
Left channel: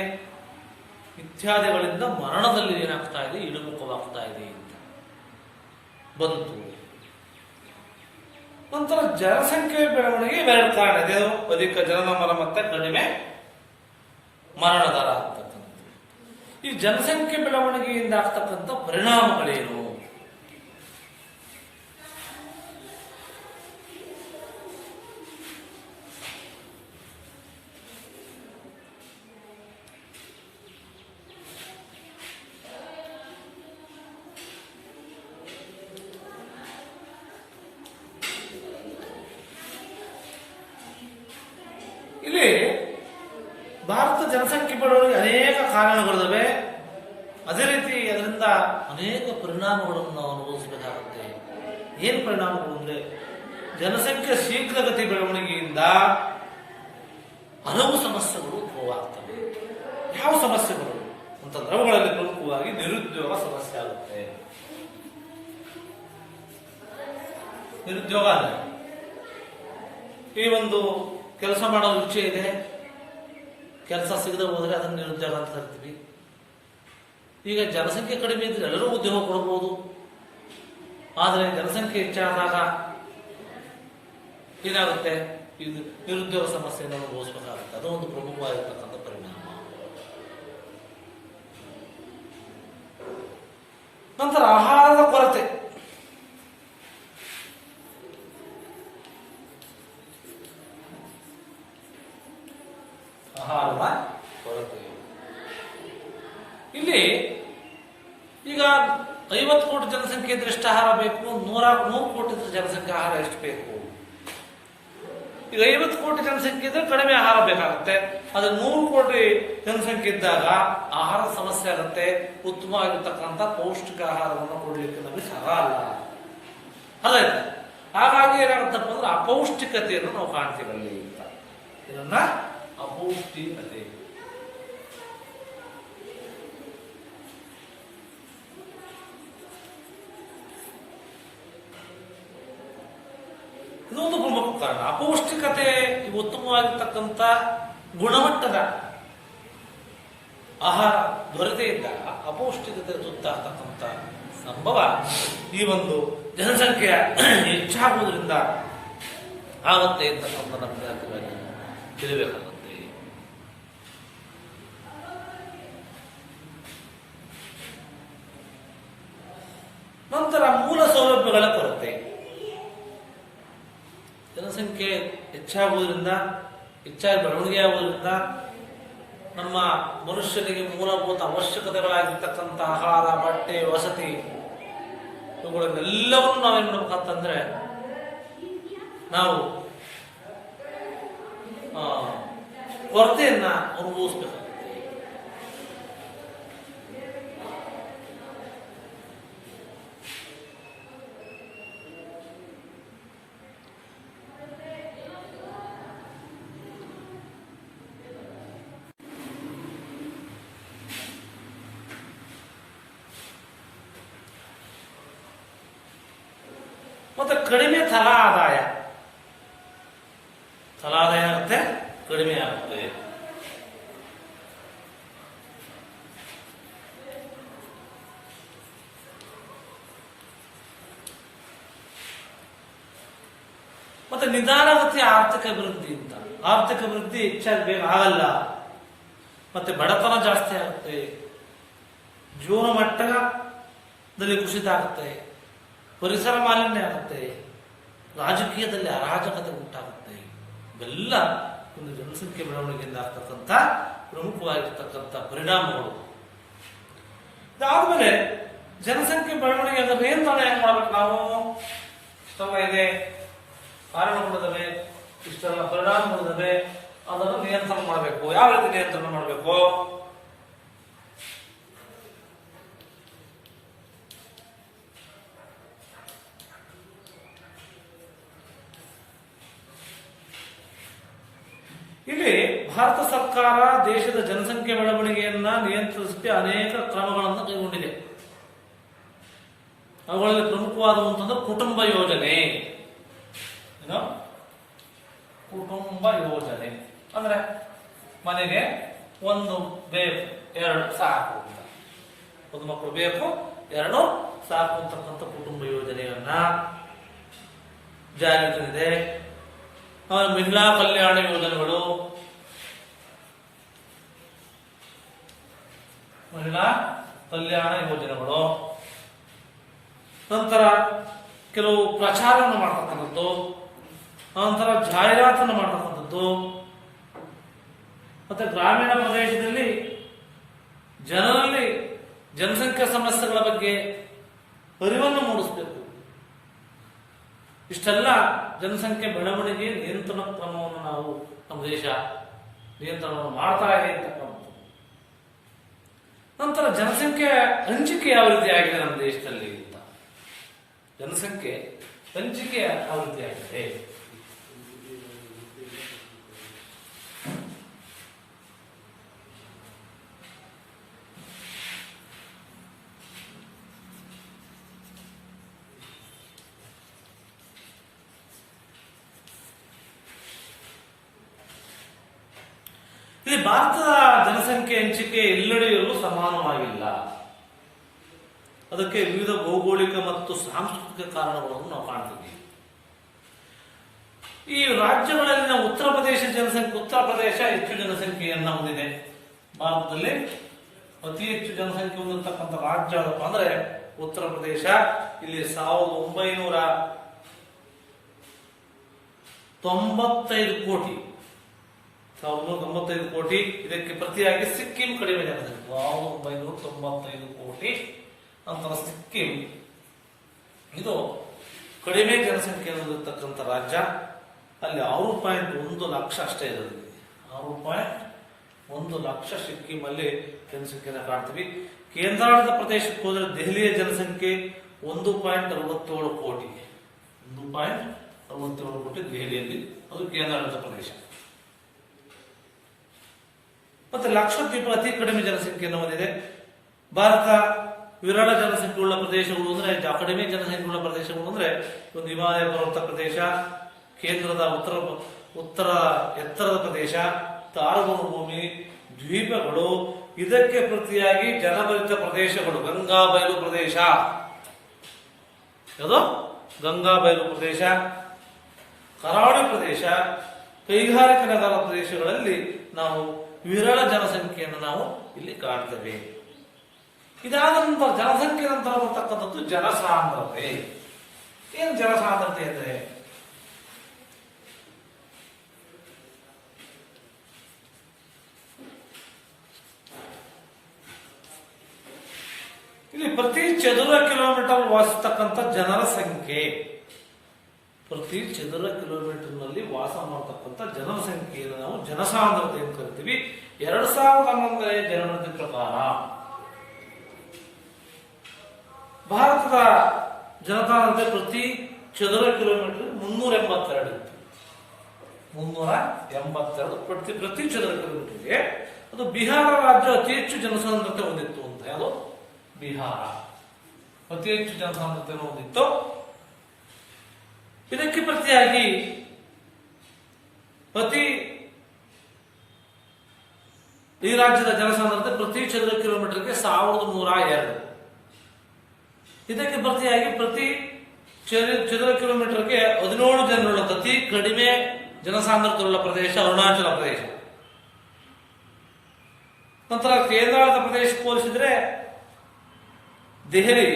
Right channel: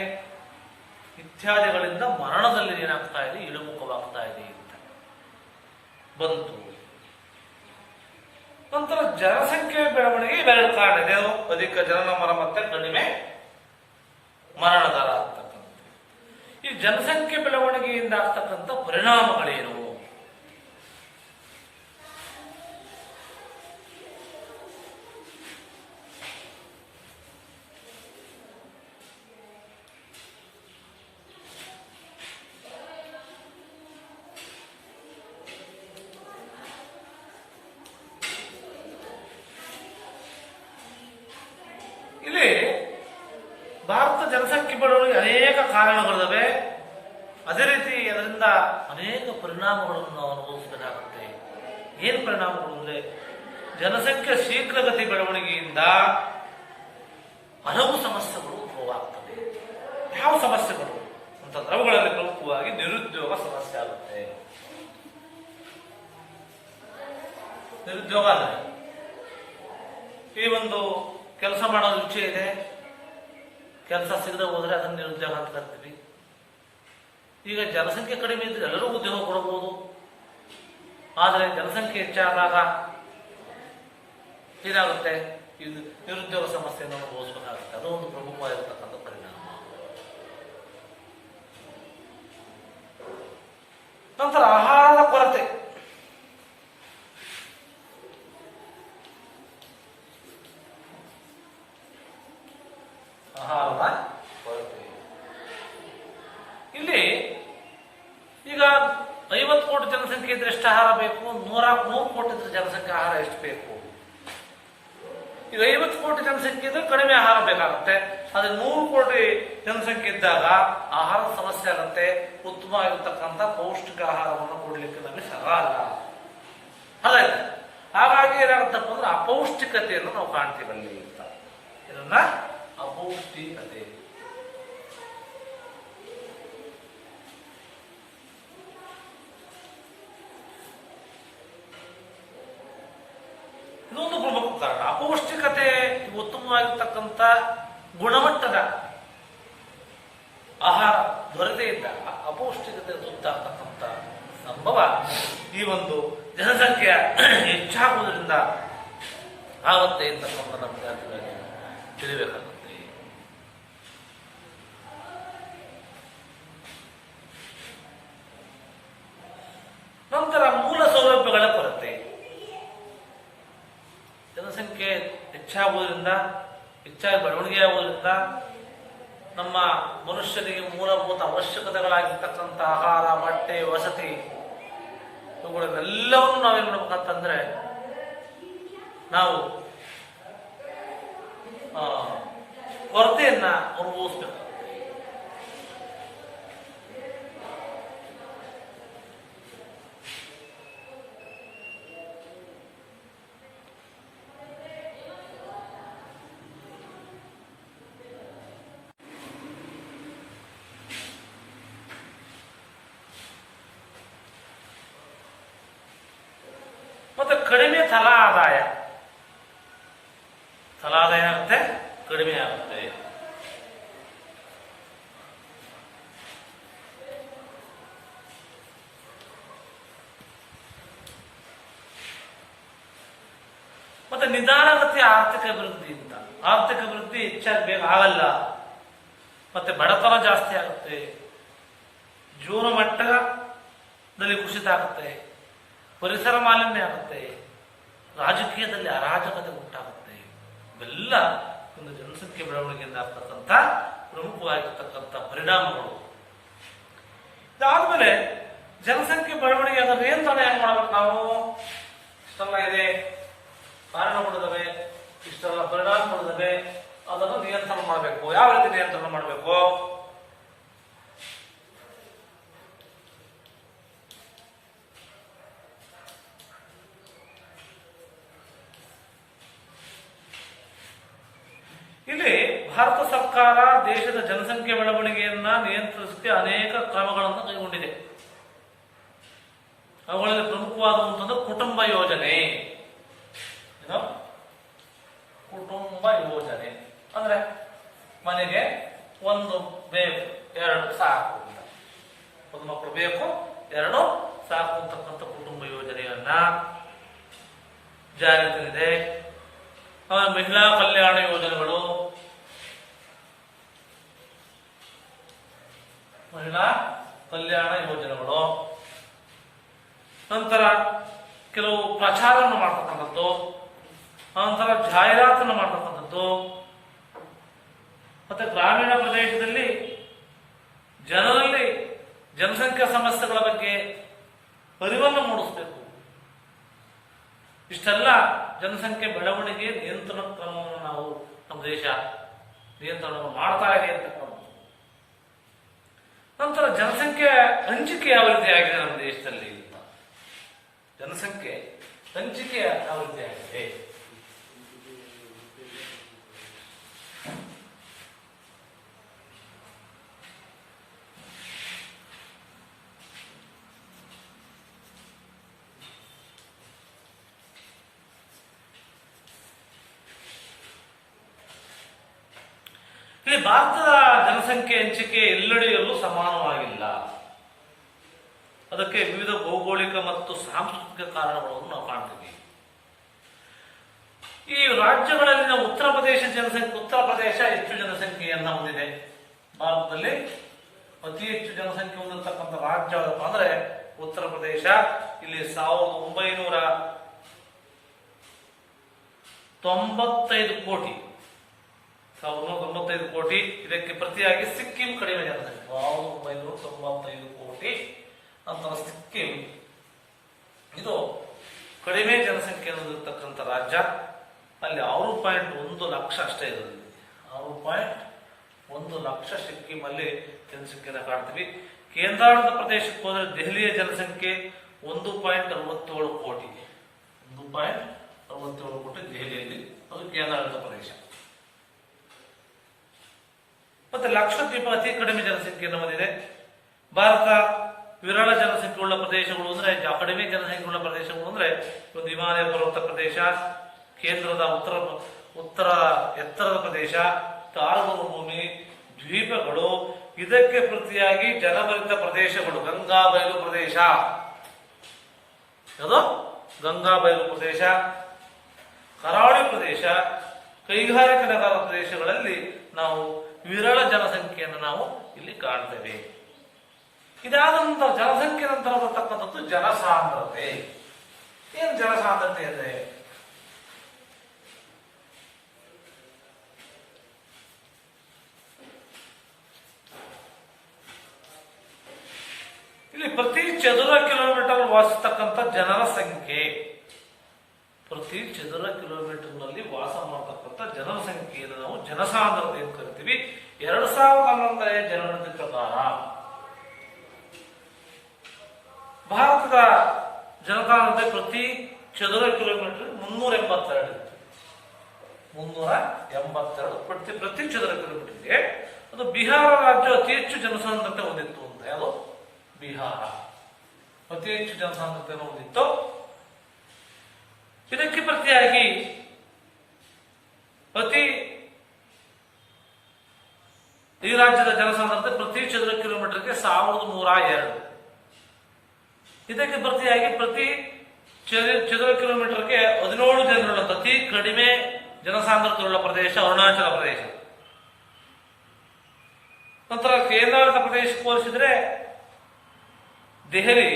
ಇತ್ಯಾದಿಗಳಿಂದ ಮರಣದಲ್ಲಿ ಏನಾಗ್ತಾ ಇದೆ, ಇಳಿಮುಖವಾಗ್ತಾ ಇದೆ ಅಂತ ಬಂತು. ನಂತರ ಜನಸಂಖ್ಯೆ ಬೆಳವಣಿಗೆ ಇವೆರಡು ಕಾರಣ ಇದೆ. ಅಧಿಕ ಜನನ ಮರಣ ಮತ್ತೆ ಕಡಿಮೆ ಮರಣ ದರ ಅಂತಕ್ಕಂಥದ್ದು. ಈ ಜನಸಂಖ್ಯೆ ಬೆಳವಣಿಗೆಯಿಂದ ಆಗ್ತಕ್ಕಂಥ ಪರಿಣಾಮಗಳೇನು? ಇಲ್ಲಿ ಭಾರತ ಜನಸಂಖ್ಯೆ ಬೆಳವಣಿಗೆ ಅನೇಕ ಕಾರಣಗಳಿವೆ. ಅದೇ ರೀತಿ ಅದರಿಂದ ಅನೇಕ ಪರಿಣಾಮಗಳನ್ನು ನಾವು ಅನುಭವಿಸಬೇಕಾಗುತ್ತೆ. ಏನು ಪರಿಣಾಮಗಳು ಅಂದ್ರೆ, ಜನಸಂಖ್ಯೆ ಶೀಘ್ರಗತಿ ಬೆಳವಣಿಗೆಯಿಂದ ಹಲವು ಸಮಸ್ಯೆಗಳು ಉದ್ಭವವಾಗ್ತವೆ. ಯಾವ ಸಮಸ್ಯೆಗಳು ಅಂತಂದ್ರೆ ಅವುಗಳಲ್ಲಿ ಪ್ರಮುಖವಾಗಿ ನಿರುದ್ಯೋಗ ಸಮಸ್ಯೆ ಆಗುತ್ತೆ. ನಿರುದ್ಯೋಗ ಅಂದ್ರೆ ಈ ಒಂದು ಕೆಲಸ ಮಾಡೋ ಇಚ್ಛೆ ಇದೆ, ಕೆಲಸ ಸಿಗದೆ ಹೋದ್ರೆ ಅದನ್ನು ನಿರುದ್ಯೋಗ ಅಂತ ಕರಿತೀವಿ. ಈಗ ಜನಸಂಖ್ಯೆ ಕಡಿಮೆ ಇದ್ರೆ ಎಲ್ಲರೂ ಉದ್ಯೋಗ ಕೊಡಬಹುದು. ಆದರೆ ಜನಸಂಖ್ಯೆ ಹೆಚ್ಚಾದಾಗ ಏನಾಗುತ್ತೆ, ಈ ನಿರುದ್ಯೋಗ ಸಮಸ್ಯೆಯನ್ನು ಅನುಭವಿಸಬೇಕಾಗುತ್ತೆ. ಅದು ಒಂದು ಪ್ರಮುಖವಾಗಿರ್ತಕ್ಕಂಥ ಪರಿಣಾಮ. ನಂತರ ಆಹಾರದ ಕೊರತೆ. ಆಹಾರದ ಕೊರತೆ ಇಲ್ಲಿ ಈಗ 50 ಕೋಟಿ ಜನಸಂಖ್ಯೆ ಇದ್ರೆ ಎಷ್ಟು ಆಹಾರ ಬೇಕು? 100 ಕೋಟಿ ಇದ್ರೆ ಜನಸಂಖ್ಯೆ ಆಹಾರ ಎಷ್ಟು ಬೇಕು? ಈಗ 50 ಕೋಟಿ ಜನಸಂಖ್ಯೆ ಇದ್ರೆ ಕಡಿಮೆ ಆಹಾರ ಬೇಕಾಗುತ್ತೆ. ಆದ್ರೆ 100 ಕೋಟಿ ಜನಸಂಖ್ಯೆ ಇದ್ದಾಗ ಆಹಾರದ ಸಮಸ್ಯೆ ಆಗುತ್ತೆ. ಉತ್ತಮವಾಗಿರ್ತಕ್ಕಂಥ ಪೌಷ್ಟಿಕ ಆಹಾರವನ್ನು ಕೊಡಲಿಕ್ಕೆ ನಮಗೆ ಆಗಲ್ಲ. ಹಾಗಾಗಿ ಹಾಗಾಗಿ ಏನಾಗುತ್ತಪ್ಪ ಅಂದ್ರೆ ಅಪೌಷ್ಟಿಕತೆಯನ್ನು ನಾವು ಕಾಣ್ತೀವಿ ಅಲ್ಲಿ ಅಂತ. ಇದನ್ನ ಅಪೌಷ್ಟಿಕತೆ. ಇನ್ನೊಂದು ಪ್ರಮುಖ ಕಾರಣ ಅಪೌಷ್ಟಿಕತೆ. ಉತ್ತಮವಾಗಿರ್ತಕ್ಕಂಥ ಗುಣಮಟ್ಟದ ಆಹಾರ ದೊರೆತೇ ಇದ್ದಾಗ ಅಪೌಷ್ಟಿಕತೆ ತುತ್ತಾಗ್ತಕ್ಕಂಥ ಸಂಭವ ಈ ಒಂದು ಜನಸಂಖ್ಯೆಯ ಹೆಚ್ಚಾಗುವುದರಿಂದ ಆಗುತ್ತೆ ಅಂತಕ್ಕಂಥ ನಮಗೆ ತಿಳಿಬೇಕಾಗುತ್ತೆ. ನಂತರ ಮೂಲ ಸೌಲಭ್ಯಗಳ ಕೊರತೆ. ಜನಸಂಖ್ಯೆ ಹೆಚ್ಚಾಗುವುದರಿಂದ, ಹೆಚ್ಚಾಗಿ ಬೆಳವಣಿಗೆ ಆಗುವುದರಿಂದ ನಮ್ಮ ಮನುಷ್ಯನಿಗೆ ಮೂಲಭೂತ ಅವಶ್ಯಕತೆಗಳಾಗಿರ್ತಕ್ಕಂಥ ಆಹಾರ, ಬಟ್ಟೆ, ವಸತಿ ಇವುಗಳನ್ನೆಲ್ಲವನ್ನು ನಾವೇನು ಮಾಡ್ಬೇಕಂತಂದ್ರೆ ನಾವು ಕೊರತೆಯನ್ನ ಅನುಭವಿಸ್ಬೇಕಾಗುತ್ತೆ. ಮತ್ತೆ ಕಡಿಮೆ ತಲಾ ಆದಾಯ ಆಗುತ್ತೆ, ಕಡಿಮೆ ಆಗುತ್ತೆ. ಮತ್ತೆ ನಿಧಾನಗತಿಯ ಆರ್ಥಿಕ ಅಭಿವೃದ್ಧಿಯಿಂದ ಆರ್ಥಿಕ ಅಭಿವೃದ್ಧಿ ಹೆಚ್ಚಾಗಿ ಬೇಗ ಆಗಲ್ಲ. ಮತ್ತೆ ಬಡತನ ಜಾಸ್ತಿ ಆಗುತ್ತೆ, ಜೀವನ ಮಟ್ಟದಲ್ಲಿ ಕುಸಿತ ಆಗುತ್ತೆ, ಪರಿಸರ ಮಾಲಿನ್ಯ ಆಗುತ್ತೆ, ರಾಜಕೀಯದಲ್ಲಿ ಅರಾಜಕತೆ ಉಂಟಾಗುತ್ತೆ. ಇವೆಲ್ಲ ಒಂದು ಜನಸಂಖ್ಯೆ ಬೆಳವಣಿಗೆಯಿಂದ ಆಗ್ತಕ್ಕಂಥ ಪ್ರಮುಖವಾಗಿರ್ತಕ್ಕಂಥ ಪರಿಣಾಮಗಳು. ಇದಾದ್ಮೇಲೆ ಜನಸಂಖ್ಯೆ ಬೆಳವಣಿಗೆ ಅದನ್ನು ನಿಯಂತ್ರಣ ಹೆಂಗ್ ಮಾಡ್ಬೇಕು ನಾವು? ಇಷ್ಟೆಲ್ಲ ಇದೆ, ಕಾರಣಗಳಿದ್ದಾವೆ, ಇಷ್ಟೆಲ್ಲ ಪರಿಣಾಮಗಳಿದ್ದಾವೆ, ಅದನ್ನು ನಿಯಂತ್ರಣ ಮಾಡಬೇಕು. ಯಾವ ರೀತಿ ನಿಯಂತ್ರಣ ಮಾಡಬೇಕು? ಇಲ್ಲಿ ಭಾರತ ಸರ್ಕಾರ ದೇಶದ ಜನಸಂಖ್ಯೆ ಬೆಳವಣಿಗೆಯನ್ನ ನಿಯಂತ್ರಿಸಕ್ಕೆ ಅನೇಕ ಕ್ರಮಗಳನ್ನು ಕೈಗೊಂಡಿದೆ. ಅವುಗಳಲ್ಲಿ ಪ್ರಮುಖವಾದಂತಂದ್ರೆ ಕುಟುಂಬ ಯೋಜನೆ. ಕುಟುಂಬ ಯೋಜನೆ ಅಂದ್ರೆ ಮನೆಗೆ ಒಂದು ಬೇಕು, ಎರಡು ಸಾಕು, ಒಂದು ಮಕ್ಕಳು ಬೇಕು, ಎರಡು ಸಾಕು ಅಂತಕ್ಕಂಥ ಕುಟುಂಬ ಯೋಜನೆಯನ್ನ ಜಾರಿಗೆ ತಂದಿದೆ. ಮಹಿಳಾ ಕಲ್ಯಾಣ ಯೋಜನೆಗಳು, ನಂತರ ಕೆಲವು ಪ್ರಚಾರವನ್ನು ಮಾಡ್ತಕ್ಕಂಥದ್ದು, ನಂತರ ಜಾಹೀರಾತನ್ನು ಮಾಡ್ತಕ್ಕಂಥದ್ದು, ಮತ್ತೆ ಗ್ರಾಮೀಣ ಪ್ರದೇಶದಲ್ಲಿ ಜನರಲ್ಲಿ ಜನಸಂಖ್ಯಾ ಸಮಸ್ಯೆಗಳ ಬಗ್ಗೆ ಅರಿವನ್ನು ಮೂಡಿಸಬೇಕು. ಇಷ್ಟೆಲ್ಲ ಜನಸಂಖ್ಯೆ ಬೆಳವಣಿಗೆ ನಿಯಂತ್ರಣ ಕ್ರಮವನ್ನು ನಾವು ನಮ್ಮ ದೇಶ ನಿಯಂತ್ರಣವನ್ನು ಮಾಡ್ತಾ ಇದೆ ಅಂತಕ್ಕಂಥದ್ದು. ನಂತರ ಜನಸಂಖ್ಯೆ ಹಂಚಿಕೆ ಯಾವ ರೀತಿ ಆಗಿದೆ ನಮ್ಮ ದೇಶದಲ್ಲಿ ಅಂತ, ಜನಸಂಖ್ಯೆ ಹಂಚಿಕೆ ಯಾವ ರೀತಿ ಆಗಿದೆ? ಇಲ್ಲಿ ಭಾರತದ ಜನಸಂಖ್ಯೆ ಹಂಚಿಕೆ ಎಲ್ಲೆಡೆಯಲ್ಲೂ ಸಮಾನವಾಗಿಲ್ಲ. ಅದಕ್ಕೆ ವಿವಿಧ ಭೌಗೋಳಿಕ ಮತ್ತು ಸಾಂಸ್ಕೃತಿಕ ಕಾರಣಗಳನ್ನು ನಾವು ಕಾಣ್ತೀವಿ. ಈ ರಾಜ್ಯಗಳಲ್ಲಿನ ಉತ್ತರ ಪ್ರದೇಶ ಹೆಚ್ಚು ಜನಸಂಖ್ಯೆಯನ್ನ ಹೊಂದಿದೆ. ಭಾರತದಲ್ಲಿ ಅತಿ ಹೆಚ್ಚು ಜನಸಂಖ್ಯೆ ಹೊಂದಿರತಕ್ಕಂಥ ರಾಜ್ಯ ಅಂದ್ರೆ ಉತ್ತರ ಪ್ರದೇಶ. ಇಲ್ಲಿ 1995 ಕೋಟಿ, 1995 ಕೋಟಿ. ಇದಕ್ಕೆ ಪ್ರತಿಯಾಗಿ ಸಿಕ್ಕಿಂ ಕಡಿಮೆ ಜನಸಂಖ್ಯೆ, 1995 ಕೋಟಿ. ನಂತರ ಸಿಕ್ಕಿಂ ಇದು ಕಡಿಮೆ ಜನಸಂಖ್ಯೆ ಹೊಂದಿರತಕ್ಕಂಥ ರಾಜ್ಯ. ಅಲ್ಲಿ 6.1 ಲಕ್ಷ ಅಷ್ಟೇ ಇರೋದು. 6.1 ಲಕ್ಷ ಸಿಕ್ಕಿಂ ಅಲ್ಲಿ ಜನಸಂಖ್ಯೆನ ಕಾಣ್ತೀವಿ. ಕೇಂದ್ರಾಡಳಿತ ಪ್ರದೇಶಕ್ಕೆ ಹೋದರೆ ದೆಹಲಿಯ ಜನಸಂಖ್ಯೆ 1.67 ಕೋಟಿ. 1.67 ಕೋಟಿ ದೆಹಲಿಯಲ್ಲಿ, ಅದು ಕೇಂದ್ರಾಡಳಿತ ಪ್ರದೇಶ. ಮತ್ತೆ ಲಕ್ಷದ್ವೀಪ ಅತಿ ಕಡಿಮೆ ಜನಸಂಖ್ಯೆಯನ್ನು ಹೊಂದಿದೆ. ಭಾರತ ವಿರಳ ಜನಸಂಖ್ಯೆಯುಳ್ಳ ಪ್ರದೇಶಗಳು ಅಂದ್ರೆ ಕಡಿಮೆ ಜನಸಂಖ್ಯೆಯುಳ್ಳ ಪ್ರದೇಶಗಳು ಅಂದ್ರೆ ಒಂದು ಹಿಮಾಲಯ ಪರ್ವತ ಪ್ರದೇಶ, ಕೇಂದ್ರದ ಉತ್ತರ ಎತ್ತರದ ಪ್ರದೇಶ, ತಾರವನು ಭೂಮಿ, ದ್ವೀಪಗಳು. ಇದಕ್ಕೆ ಪ್ರತಿಯಾಗಿ ಜನಭರಿತ ಪ್ರದೇಶಗಳು, ಗಂಗಾ ಬಯಲು ಪ್ರದೇಶ, ಯಾವುದು ಗಂಗಾ ಬಯಲು ಪ್ರದೇಶ, ಕರಾವಳಿ ಪ್ರದೇಶ, ಕೈಗಾರಿಕಾ ನಗರ ಪ್ರದೇಶಗಳಲ್ಲಿ ನಾವು ವಿರಳ ಜನಸಂಖ್ಯೆಯನ್ನು ನಾವು ಇಲ್ಲಿ ಕಾಣ್ತೇವೆ. ಇದಾದ ನಂತರ ಜನಸಂಖ್ಯೆ ನಂತರ ಬರ್ತಕ್ಕಂಥದ್ದು ಜನಸಾಂದ್ರತೆ. ಏನು ಜನಸಾಂದ್ರತೆ ಅಂದ್ರೆ ಇಲ್ಲಿ ಪ್ರತಿ ಚದುರ ಕಿಲೋಮೀಟರ್ ವಾಸಿಸ್ತಕ್ಕಂಥ ಜನರ ಸಂಖ್ಯೆ, ಪ್ರತಿ ಚದುರ ಕಿಲೋಮೀಟರ್ನಲ್ಲಿ ವಾಸ ಮಾಡತಕ್ಕಂಥ ಜನರ ಸಂಖ್ಯೆಯನ್ನು ನಾವು ಜನಸಾಂದ್ರತೆ ಅಂತ ಕರಿತೀವಿ. 2011ರ ಜನಗಣತಿ ಪ್ರಕಾರ ಭಾರತದ ಜನಸಾಂದ್ರತೆ ಪ್ರತಿ ಚದುರ ಕಿಲೋಮೀಟರ್ 382 ಇತ್ತು. 382 ಪ್ರತಿ ಚದುರ ಕಿಲೋಮೀಟರ್ಗೆ. ಅದು ಬಿಹಾರ ರಾಜ್ಯ ಅತಿ ಹೆಚ್ಚು ಜನಸಾಂದ್ರತೆ ಹೊಂದಿತ್ತು ಅಂತ. ಯಾವುದು? ಬಿಹಾರ ಅತಿ ಹೆಚ್ಚು ಜನಸಾಂದ್ರತೆಯನ್ನು ಹೊಂದಿತ್ತು. ಇದಕ್ಕೆ ಪ್ರತಿಯಾಗಿ ಈ ರಾಜ್ಯದ ಜನಸಾಂದ್ರತೆ ಪ್ರತಿ ಚದುರ ಕಿಲೋಮೀಟರ್ಗೆ 1102. ಇದಕ್ಕೆ ಪ್ರತಿಯಾಗಿ ಪ್ರತಿ ಚದುರ ಕಿಲೋಮೀಟರ್ಗೆ 17 ಜನರುಳ್ಳ ಅತಿ ಕಡಿಮೆ ಜನಸಾಂದ್ರತೆಯುಳ್ಳ ಪ್ರದೇಶ ಅರುಣಾಚಲ ಪ್ರದೇಶ. ನಂತರ ಕೇಂದ್ರಾಡಳಿತ ಪ್ರದೇಶಕ್ಕೆ ಹೋಲಿಸಿದ್ರೆ ದೆಹಲಿ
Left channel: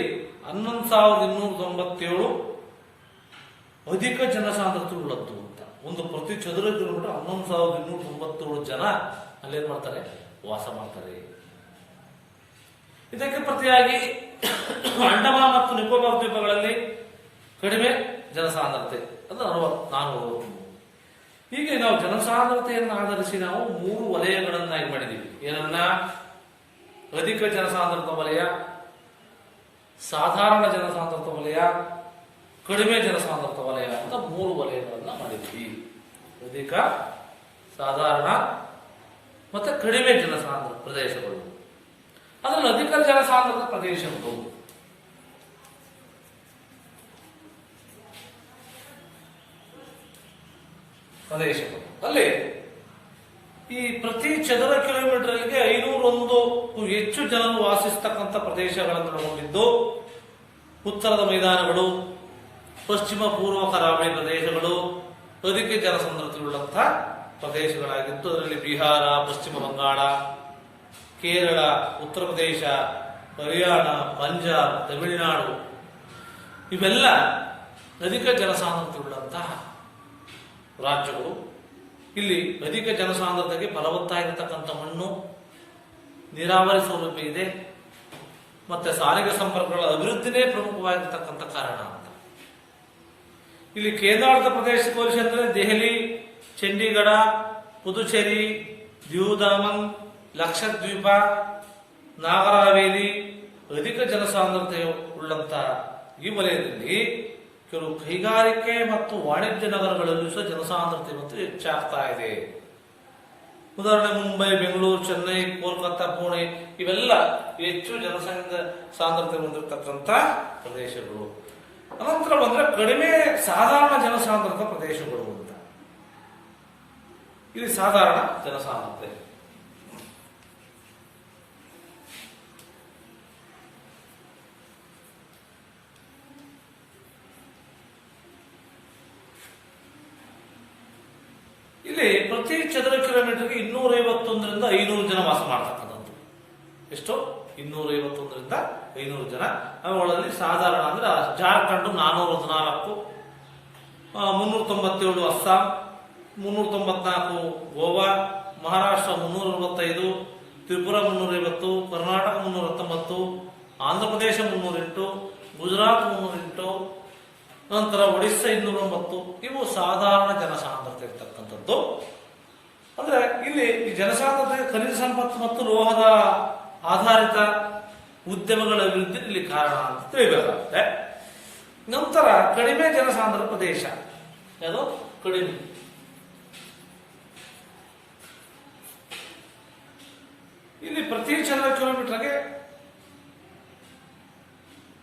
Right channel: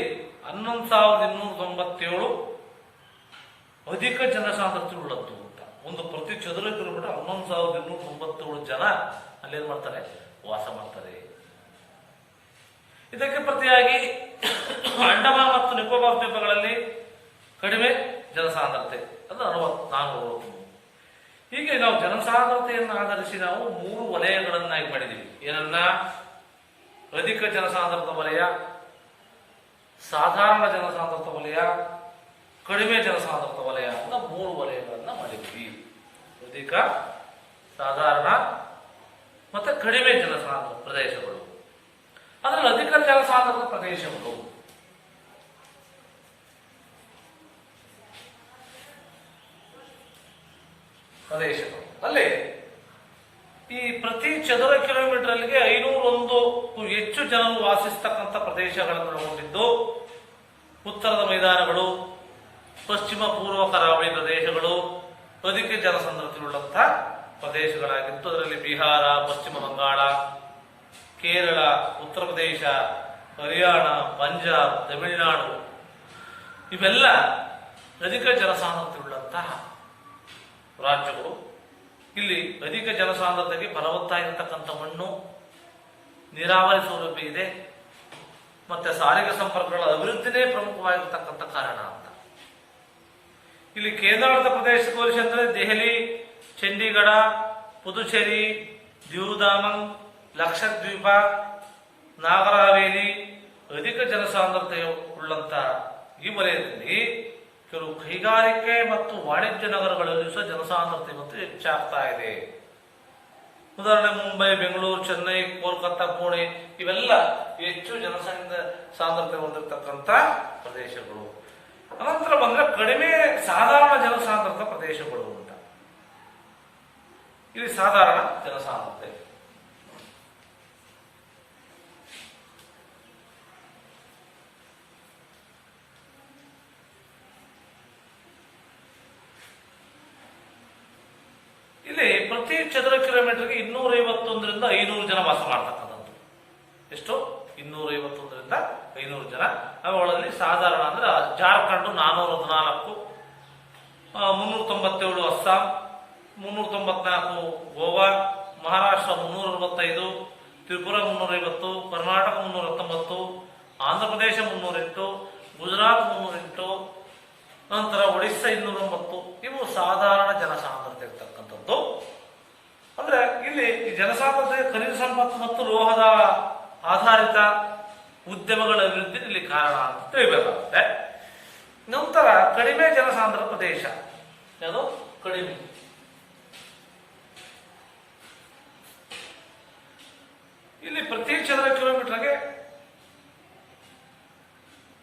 11,297 ಅಧಿಕ ಜನಸಾಂದ್ರತೆ ಉಳ್ಳದ್ದು ಅಂತ. ಒಂದು ಪ್ರತಿ ಚದುರ ಕಿಲೋಮೀಟರ್ 11,297 ಜನ ಅಲ್ಲೇನ್ ಮಾಡ್ತಾರೆ, ವಾಸ ಮಾಡ್ತಾರೆ. ಇದಕ್ಕೆ ಪ್ರತಿಯಾಗಿ ಅಂಡಮಾನ್ ಮತ್ತು ನಿಕೋಬಾರ್ ದ್ವೀಪಗಳಲ್ಲಿ ಕಡಿಮೆ ಜನಸಾಂದ್ರತೆ ಅಂದ್ರೆ 400. ಹೀಗೆ ನಾವು ಜನಸಾಂದ್ರತೆಯನ್ನು ಆಧರಿಸಿ ನಾವು 3 ವಲಯಗಳನ್ನಾಗಿ ಮಾಡಿದೀವಿ. ಏನನ್ನ? ಅಧಿಕ ಜನಸಾಂದ್ರತ ವಲಯ, ಸಾಧಾರಣ ಜನಸಾಂದ್ರತ ವಲಯ, ಕಡಿಮೆ ಜನಸಾಂದ್ರತ ವಲಯ ಅಂತ 3 ವಲಯಗಳನ್ನ ಮಾಡಿದ್ವಿ. ಅಧಿಕ, ಸಾಧಾರಣ ಮತ್ತೆ ಕಡಿಮೆ ಜನಸಾಂದ್ರತ ಪ್ರದೇಶಗಳು. ಅದರಲ್ಲಿ ಅಧಿಕ ಜನಸಾಂದ್ರತ ಪ್ರದೇಶಗಳು ಅಲ್ಲಿ ಈ ಪ್ರತಿ ಚದುರ ಕಿಲೋಮೀಟರ್ಗೆ 501 ಹೆಚ್ಚು ಜನರು ವಾಸಿಸತಕ್ಕಂಥ ಪ್ರದೇಶಗಳನ್ನು ಒಳಗೊಂಡಿದ್ದು ಉತ್ತರದ ಮೈದಾನಗಳು, ಪಶ್ಚಿಮ ಪೂರ್ವ ಕರಾವಳಿ ಪ್ರದೇಶಗಳು ಅಧಿಕ ಜನಸಾಂದ್ರತೆಯುಳ್ಳಂತಹ ಪ್ರದೇಶಗಳಾಗಿದ್ದು ಅದರಲ್ಲಿ ಬಿಹಾರ, ಪಶ್ಚಿಮ ಬಂಗಾಳ, ಕೇರಳ, ಉತ್ತರ ಪ್ರದೇಶ, ಹರಿಯಾಣ, ಪಂಜಾಬ್, ತಮಿಳುನಾಡು ಇವೆಲ್ಲ ಅಧಿಕ ಜನಸಾಂದ್ರತೆಯುಳ್ಳಂತಹ ರಾಜ್ಯಗಳು. ಇಲ್ಲಿ ಅಧಿಕ ಜನಸಾಂದ್ರತೆಗೆ ಫಲವತ್ತಾಗಿರ್ತಕ್ಕಂಥ ಮಣ್ಣು, ನೀರಾವರಿ ಸೌಲಭ್ಯ ಇದೆ, ಮತ್ತೆ ಸಾರಿಗೆ ಸಂಪರ್ಕಗಳ ಅಭಿವೃದ್ಧಿನೇ ಪ್ರಮುಖವಾಗಿರ್ತಕ್ಕಂಥ ಕಾರಣ ಅಂತ. ಇಲ್ಲಿ ಕೇಂದ್ರಾಡಳಿತ ಪ್ರದೇಶಕ್ಕೆ ಹೋಲಿಸಿ ಅಂದರೆ ದೆಹಲಿ, ಚಂಡೀಗಢ, ಪುದುಚೇರಿ, ದಿಯು ದಾಮನ್, ಲಕ್ಷದ್ವೀಪ, ನಾಗರ ಹವೇಲಿ ಅಧಿಕ ಜನಸಾಂದ್ರತೆ ಉಳ್ಳಂತಹ ಈ ವಲಯದಲ್ಲಿ ಕೆಲವು ಕೈಗಾರಿಕೆ ಮತ್ತು ವಾಣಿಜ್ಯ ನಗರಗಳಲ್ಲಿ ಸಹ ಜನಸಾಂದ್ರತೆ ಮತ್ತು ಹೆಚ್ಚಾಗ್ತಾ ಇದೆ. ಉದಾಹರಣೆ ಮುಂಬೈ, ಬೆಂಗಳೂರು, ಚೆನ್ನೈ, ಕೋಲ್ಕತ್ತಾ, ಪುಣೆ ಇವೆಲ್ಲ ಹೆಚ್ಚು ಸಾಂದ್ರತೆ ಹೊಂದಿರತಕ್ಕಂಥ ಪ್ರದೇಶಗಳು. ಅನಂತರ ಬಂದ್ರೆ ಕಡಿಮೆ ಸಾಧಾರಣ ಜನಸಾಂದ್ರತ ಪ್ರದೇಶಗಳು ಅಂತ. ಇಲ್ಲಿ ಸಾಧಾರಣ ಜನಸಾಂದ್ರತೆ ಇಲ್ಲಿ ಪ್ರತಿ ಚದರ ಕಿಲೋಮೀಟರ್ಗೆ 251ರಿಂದ 500 ಜನ ವಾಸ ಮಾಡ್ತಕ್ಕಂಥದ್ದು. ಎಷ್ಟು? 251ರಿಂದ 500 ಜನ. ಅವುಗಳಲ್ಲಿ ಸಾಧಾರಣ ಅಂದ್ರೆ ಜಾರ್ಖಂಡ್ 414, 397 ಅಸ್ಸಾಂ, 394 ಗೋವಾ, ಮಹಾರಾಷ್ಟ್ರ 365, ತ್ರಿಪುರ 350, ಕರ್ನಾಟಕ 319, ಆಂಧ್ರ ಪ್ರದೇಶ 308, ಗುಜರಾತ್ 308, ನಂತರ ಒಡಿಸ್ಸಾ 209. ಇವು ಸಾಧಾರಣ ಜನಸಾಂದ್ರತೆ ಇರ್ತಕ್ಕಂಥದ್ದು. ಅಂದ್ರೆ ಇಲ್ಲಿ ಈ ಜನಸಾಂದ್ರತೆ ಖನಿಜ ಸಂಪತ್ತು ಮತ್ತು ಲೋಹದ ಆಧಾರಿತ ಉದ್ಯಮಗಳ ಅಭಿವೃದ್ಧಿ ಇಲ್ಲಿ ಕಾರಣ ಅಂತ ತಿಳಿಬೇಕಾಗುತ್ತೆ. ನಂತರ ಕಡಿಮೆ ಜನಸಾಂದ್ರ ಪ್ರದೇಶ ಯಾವುದು? ಕಡಿಮೆ. ಇಲ್ಲಿ ಪ್ರತಿ ಚದರ ಕಿಲೋಮೀಟರ್ಗೆ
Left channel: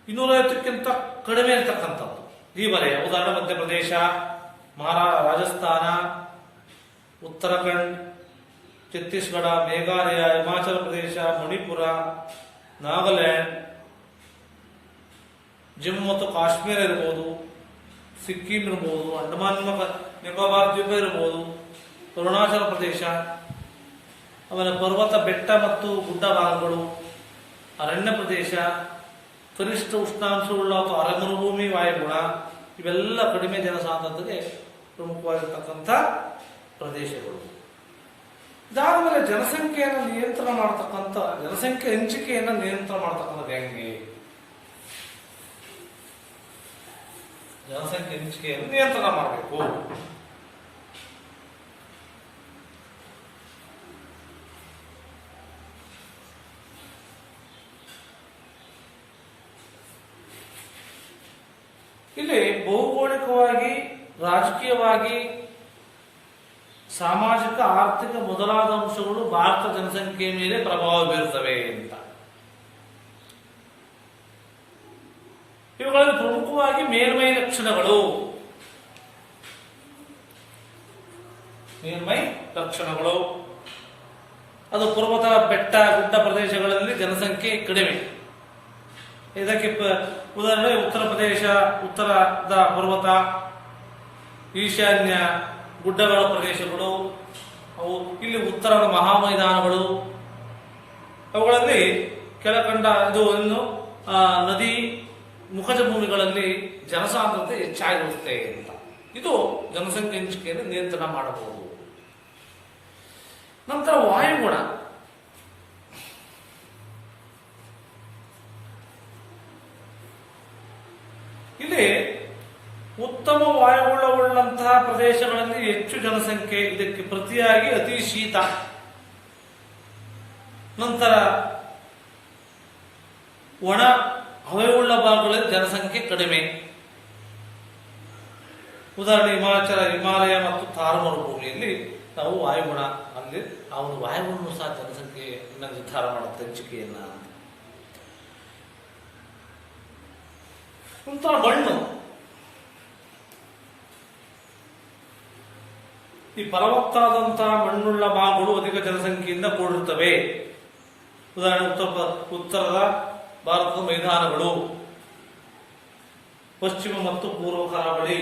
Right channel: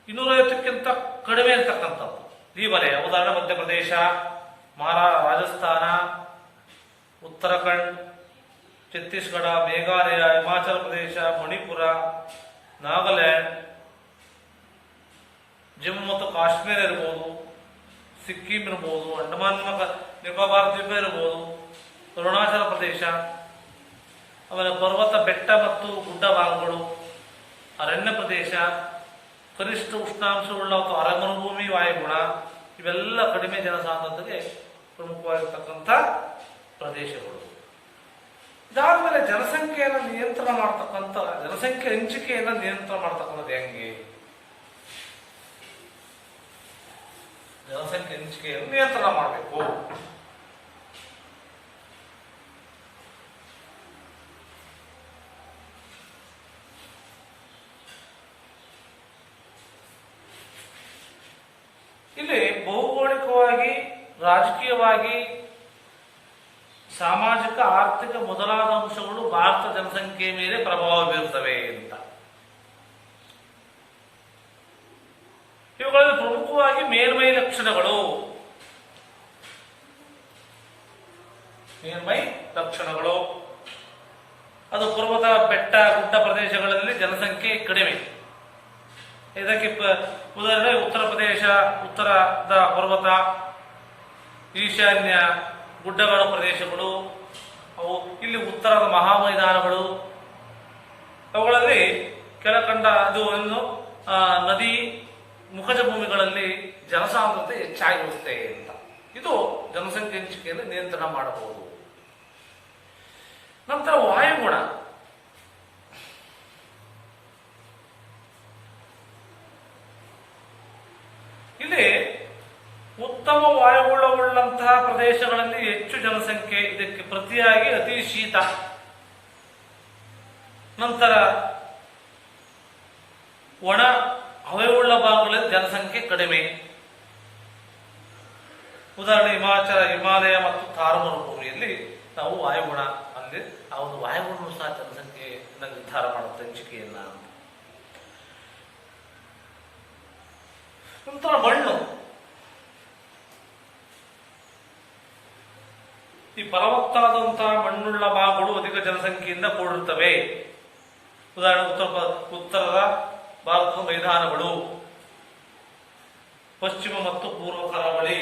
250ಕ್ಕಿಂತ ಕಡಿಮೆ ಇರತಕ್ಕಂಥದ್ದು ಈ ವಲಯ. ಉದಾಹರಣೆ ಮಧ್ಯಪ್ರದೇಶ, ರಾಜಸ್ಥಾನ, ಉತ್ತರಾಖಂಡ್, ಛತ್ತೀಸ್ಗಢ, ಮೇಘಾಲಯ, ಹಿಮಾಚಲ ಪ್ರದೇಶ, ಮಣಿಪುರ, ನಾಗಾಲ್ಯಾಂಡ್, ಜಮ್ಮು ಮತ್ತು ಕಾಶ್ಮೀರ ಇರ್ಬೋದು, ಸಿಕ್ಕಿಂ ಇರ್ಬೋದು, ಅಂಡಮಾನ್ ನಿಕೋಬಾರ್ ದ್ವೀಪ ಇರಬಹುದು, ಅರುಣಾಚಲ ಪ್ರದೇಶ, ಆಮೇಲೆ ಪರ್ವತ ಬೆಟ್ಟ ಮತ್ತು ಗುಡ್ಡ ಭಾಗಗಳು, ಅರಣ್ಯ ಪ್ರದೇಶ, ಕನಿಷ್ಠ ಉಷ್ಣಾಂಶವುಳ್ಳ ಅಥವಾ ಅರೆಮರುಭೂಮಿ ವಾಯುಗುಣ, ಇವೆಲ್ಲ ಕಡಿಮೆ ಜನಸಾಂದ್ರತೆಗೆ ಪ್ರಮುಖವಾಗಿರ್ತಕ್ಕಂಥ ಪ್ರದೇಶಗಳು. ಇದಾದ್ಮೇಲೆ ಜನಸಂಖ್ಯೆಯನ್ನು ನಿಯಂತ್ರಣ ಮಾಡತಕ್ಕಂಥ ಜನಸಂಖ್ಯೆ ಹಂಚಿಕೆಯನ್ನು ನಿಯಂತ್ರಣ ಮಾಡತಕ್ಕಂಥದ್ದು ಹೆಂಗೆ? ಜನಸಂಖ್ಯೆ ಹಂಚಿಕೆಯನ್ನು ನಿಯಂತ್ರಣ ಮಾಡಬೇಕು. ಇಲ್ಲಿ ಭೌಗೋಳಿಕವಾಗಿ, ರಾಜಕೀಯವಾಗಿ, ಸಾಮಾಜಿಕ, ಆರ್ಥಿಕ ಮೊದಲಾದ ಅಂಶಗಳು ಭಾರತ ಜನಸಂಖ್ಯೆಯ ಮೇಲೆ ಪ್ರಭಾವ ಬೀರುತ್ತವೆ ಅಂತ. ಇವುಗಳಲ್ಲಿ ಪ್ರಮುಖವಾಗಿ ಮೇಲ್ಮೈ ಲಕ್ಷಣಗಳು. ಅದು ಪರ್ವತ ಬೆಟ್ಟ ಗುಡ್ಡ ಪ್ರದೇಶಗಳಲ್ಲಿ ಜನಸಂಖ್ಯೆ ಕಡಿಮೆ. ಇದಕ್ಕೆ ಉದಾಹರಣೆ ಉತ್ತರ ಪ್ರದೇಶ, ಉತ್ತರದ ಪರ್ವತ, ಈಶಾನ್ಯ ಗುಡ್ಡಗಳ ಪ್ರದೇಶಗಳು, ಅವು ಇಲ್ಲಿ ಉತ್ತರದ ಮಹಾಮೈದಾನಗಳು, ಅವುಗಳಲ್ಲಿ ಕೆಳಕಂಡ ಇದು ನದಿ ಮುಖಜ ಭೂಮಿಗಳಲ್ಲಿ ಜನಸಾಂದ್ರತೆ ಹೆಚ್ಚಾಗಿರುತ್ತೆ ಅಂತ. ಇದು ಜನಸಂಖ್ಯೆ ಹಂಚಿಕೆಯನ್ನು ನಿಯಂತ್ರಣ ಮಾಡಬಹುದು. ನಂತರ ವಾಯುಗುಣ. ಇಲ್ಲಿ ಉತ್ತಮ ವಾಯುಗುಣವುಳ್ಳಂತಹ ಪ್ರದೇಶಗಳಲ್ಲಿ ಹೆಚ್ಚು ಜನಸಂಖ್ಯೆ, ಇದಕ್ಕೆ ಪ್ರತಿಯಾಗಿ ಅತಿ ಶೀತ. ನಂತರ ಒಣ ಹವೆಯುಳ್ಳ ಭಾಗಗಳಲ್ಲಿ ಜನಸಂಖ್ಯೆ ಕಡಿಮೆ. ಉದಾಹರಣೆ ಹಿಮಾಲಯ ಮತ್ತು ಥಾರ್ ಮರುಭೂಮಿಯಲ್ಲಿ ನಾವು ವಾಯುಗುಣ ಅಂದ್ರೆ ಆ ಒಂದು ವಾಯುಗುಣವು ಸಹ ಜನಸಂಖ್ಯೆಯನ್ನ ನಿರ್ಧಾರ ಮಾಡುತ್ತೆ, ಹಂಚಿಕೆಯನ್ನ. ನಂತರ ಮಣ್ಣು. ಈ ಫಲವತ್ತಾದಂತಹ ಮಣ್ಣುಳ್ಳ ಭಾಗಗಳು ಅಧಿಕ ಜನಸಂಖ್ಯೆಯಿಂದ ಕೂಡಿರುತ್ತವೆ. ಉದಾಹರಣೆ ಉತ್ತರದ ಭಾರತದ ಮೈದಾನಗಳು, ಪಶ್ಚಿಮ ಮತ್ತು ಪೂರ್ವ ಕರಾವಳಿ.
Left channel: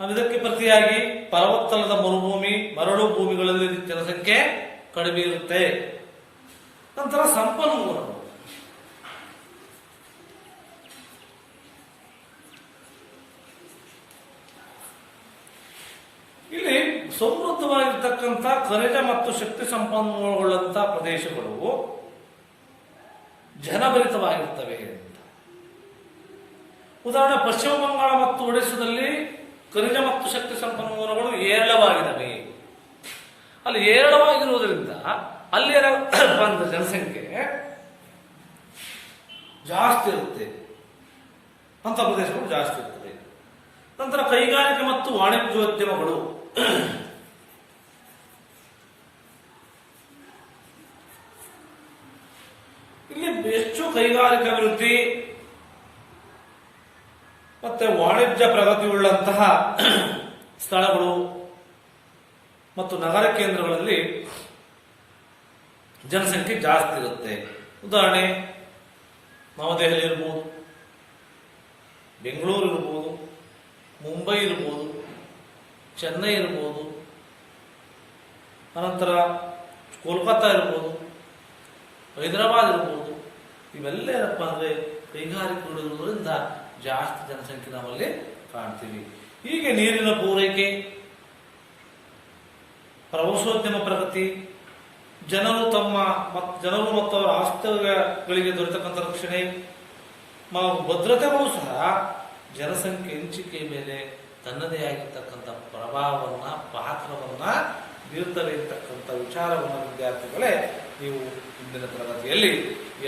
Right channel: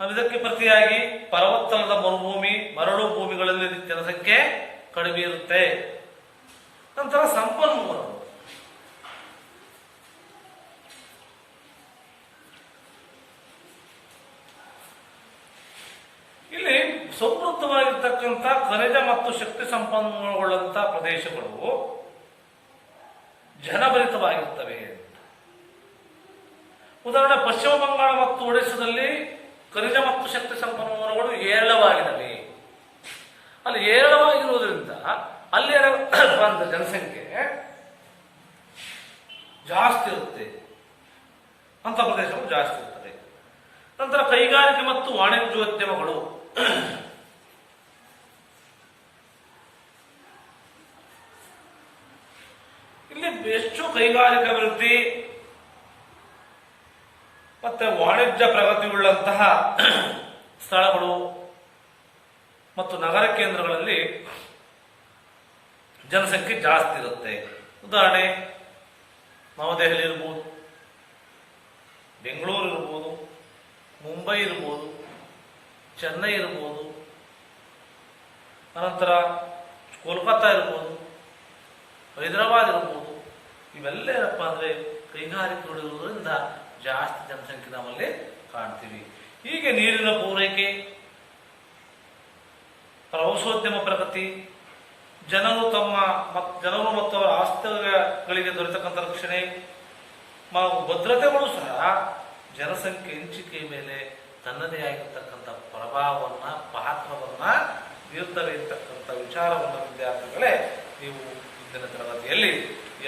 ಇದಕ್ಕೆ ಪ್ರತಿಯಾಗಿ ಫಲವತ್ತಲ್ಲದ ಮರುಭೂಮಿ, ಮರಳು ಭೂಮಿಗಳಲ್ಲಿ ಜನಸಂಖ್ಯೆ ಕಡಿಮೆ ಇರುತ್ತೆ. ನಂತರ ಸಂಪನ್ಮೂಲಗಳು. ಇಲ್ಲಿ ಸಮೃದ್ಧವಾಗಿರ್ತಕ್ಕಂಥ ಖನಿಜ ಮತ್ತು ಶಕ್ತಿ ಸಂಪನ್ಮೂಲಗೊಳ್ಳುವಂತಹ ಪ್ರದೇಶಗಳು ಜನಭರಿತವಾಗಿರುತ್ತವೆ ಅಂತ. ಉದಾಹರಣೆ ಪಶ್ಚಿಮ ಬಂಗಾಳ ಮತ್ತು ಒಡಿಶಾದಲ್ಲಿ ಖನಿಜ ಮತ್ತು ಶಕ್ತಿ ಸಂಪನ್ಮೂಲಗಳು ಹೇರಳವಾಗಿವೆ. ಅಲ್ಲಿ ಹೇರಳವಾಗಿರುವುದರಿಂದ ಅಲ್ಲಿ ಬಂದ ಜನಸಂಖ್ಯೆ ಜಾಸ್ತಿ ಇರುತ್ತೆ, ಅಂತ ಪ್ರದೇಶಗಳು ಜಾಸ್ತಿ ಇರ್ತದೆ. ನಂತರ ಕೈಗಾರಿಕೆ ಮತ್ತು ವಾಣಿಜ್ಯೋದ್ಯಮಗಳು. ಇಲ್ಲಿ ಹೆಚ್ಚು ಕೈಗಾರಿಕಾ ಅಭಿವೃದ್ಧಿ ಮತ್ತೆ ವಾಣಿಜ್ಯ ಪ್ರಗತಿಯುಳ್ಳಂತಹ ಸ್ಥಳಗಳು ಮತ್ತು ನಗರ ಕೇಂದ್ರಗಳಲ್ಲಿ ಜನಸಂಖ್ಯೆ ಜಾಸ್ತಿ ಇರುತ್ತೆ. ಉದಾಹರಣೆ ನವದೆಹಲಿ ಇರ್ಬೋದು, ಬೆಂಗಳೂರು ಇರ್ಬೋದು, ಮುಂಬೈ ಇರ್ಬೋದು, ಚೆನ್ನೈ ಇರ್ಬೋದು, ಅನಂತರ ಕೋಲ್ಕತ್ತಾ ಇರ್ಬೋದು, ಹೈದರಾಬಾದ್ ಇರ್ಬೋದು. ಇವೆಲ್ಲ ಏನಪ್ಪ ಅಂದ್ರೆ ಕೈಗಾರಿಕೆಗಳಿರೋದ್ರಿಂದ ಜಾಸ್ತಿ ಜನಸಂಖ್ಯೆ ನಮ್ಮಲ್ಲಿ ಕಾಣ್ತೀವಿ. ಹೀಗೆ ನೀರಿನ ಪೂರೈಕೆ, ಪ್ರವಾಸೋದ್ಯಮ ಪ್ರಗತಿ, ಜನರು ಮತ್ತು ಅವರ ಆಸ್ತಿಗಳಿಗೆ ದೊರೆತಕ್ಕಂಥ ರಕ್ಷಣೆ, ಭದ್ರತೆಗಳು ಸಹ ಜನಸಂಖ್ಯೆ ಹಂಚಿಕೆ ಮೇಲೆ ತನ್ನದೇ ಆಗಿರ್ತಕ್ಕಂಥ ಪ್ರಭಾವವನ್ನ, ಪಾತ್ರವನ್ನ ಬೀರ್ತವೆ ಇರ್ತಕ್ಕಂಥ ವಿಚಾರವನ್ನ ವಿದ್ಯಾರ್ಥಿಗಳೇ ನೀವು ಇಂದಿನ ತರಗತಿಯಲ್ಲಿ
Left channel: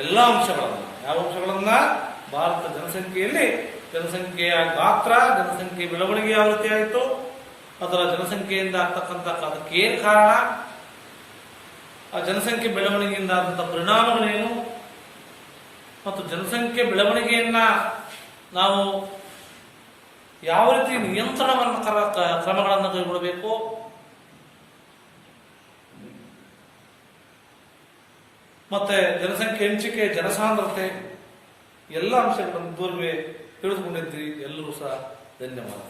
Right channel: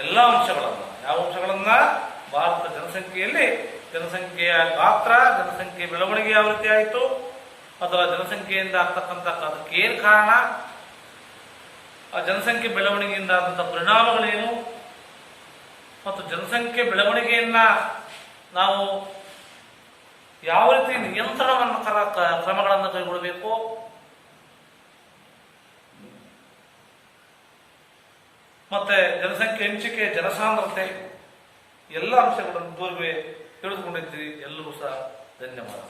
ಎಲ್ಲ ಅಂಶಗಳನ್ನ, ಯಾವ ಅಂಶಗಳನ್ನ, ಭಾರತ ಜನಸಂಖ್ಯೆಯಲ್ಲಿ ಜನಸಂಖ್ಯೆಯ ಗಾತ್ರ, ಜನಸಂಖ್ಯೆ ಬೆಳವಣಿಗೆ ಯಾವ ರೀತಿ ಆಯಿತು, ಅದರ ಜನಸಂಖ್ಯೆಯಿಂದ ಆಗ್ತಕ್ಕಂಥ ಅದಕ್ಕೆ ಏನ್ ಕಾರಣ, ಆ ಜನಸಂಖ್ಯೆ ಬೆಳವಣಿಗೆಯಿಂದ ಆದಂತಹ ಪರಿಣಾಮಗಳೇನು, ಮತ್ತು ಜನಸಂಖ್ಯೆ ಬೆಳವಣಿಗೆಯನ್ನ ನಾವು ಯಾವ ರೀತಿ ನಿಯಂತ್ರಣವನ್ನು ಕ್ರಮಗಳನ್ನು ಕೈಗೊಳ್ಳಬೇಕು, ಮತ್ತೆ ಜನಸಂಖ್ಯೆ ಹಂಚಿಕೆ, ಜನಸಾಂದ್ರತೆ ಎಲ್ಲ ಅಂಶಗಳನ್ನು ಇದುವರೆಗೆ ತಿಳಿದುಕೊಂಡಿದ್ದೀರಿ. ಎಲ್ಲರೂ ಸಹ ಧನ್ಯವಾದ.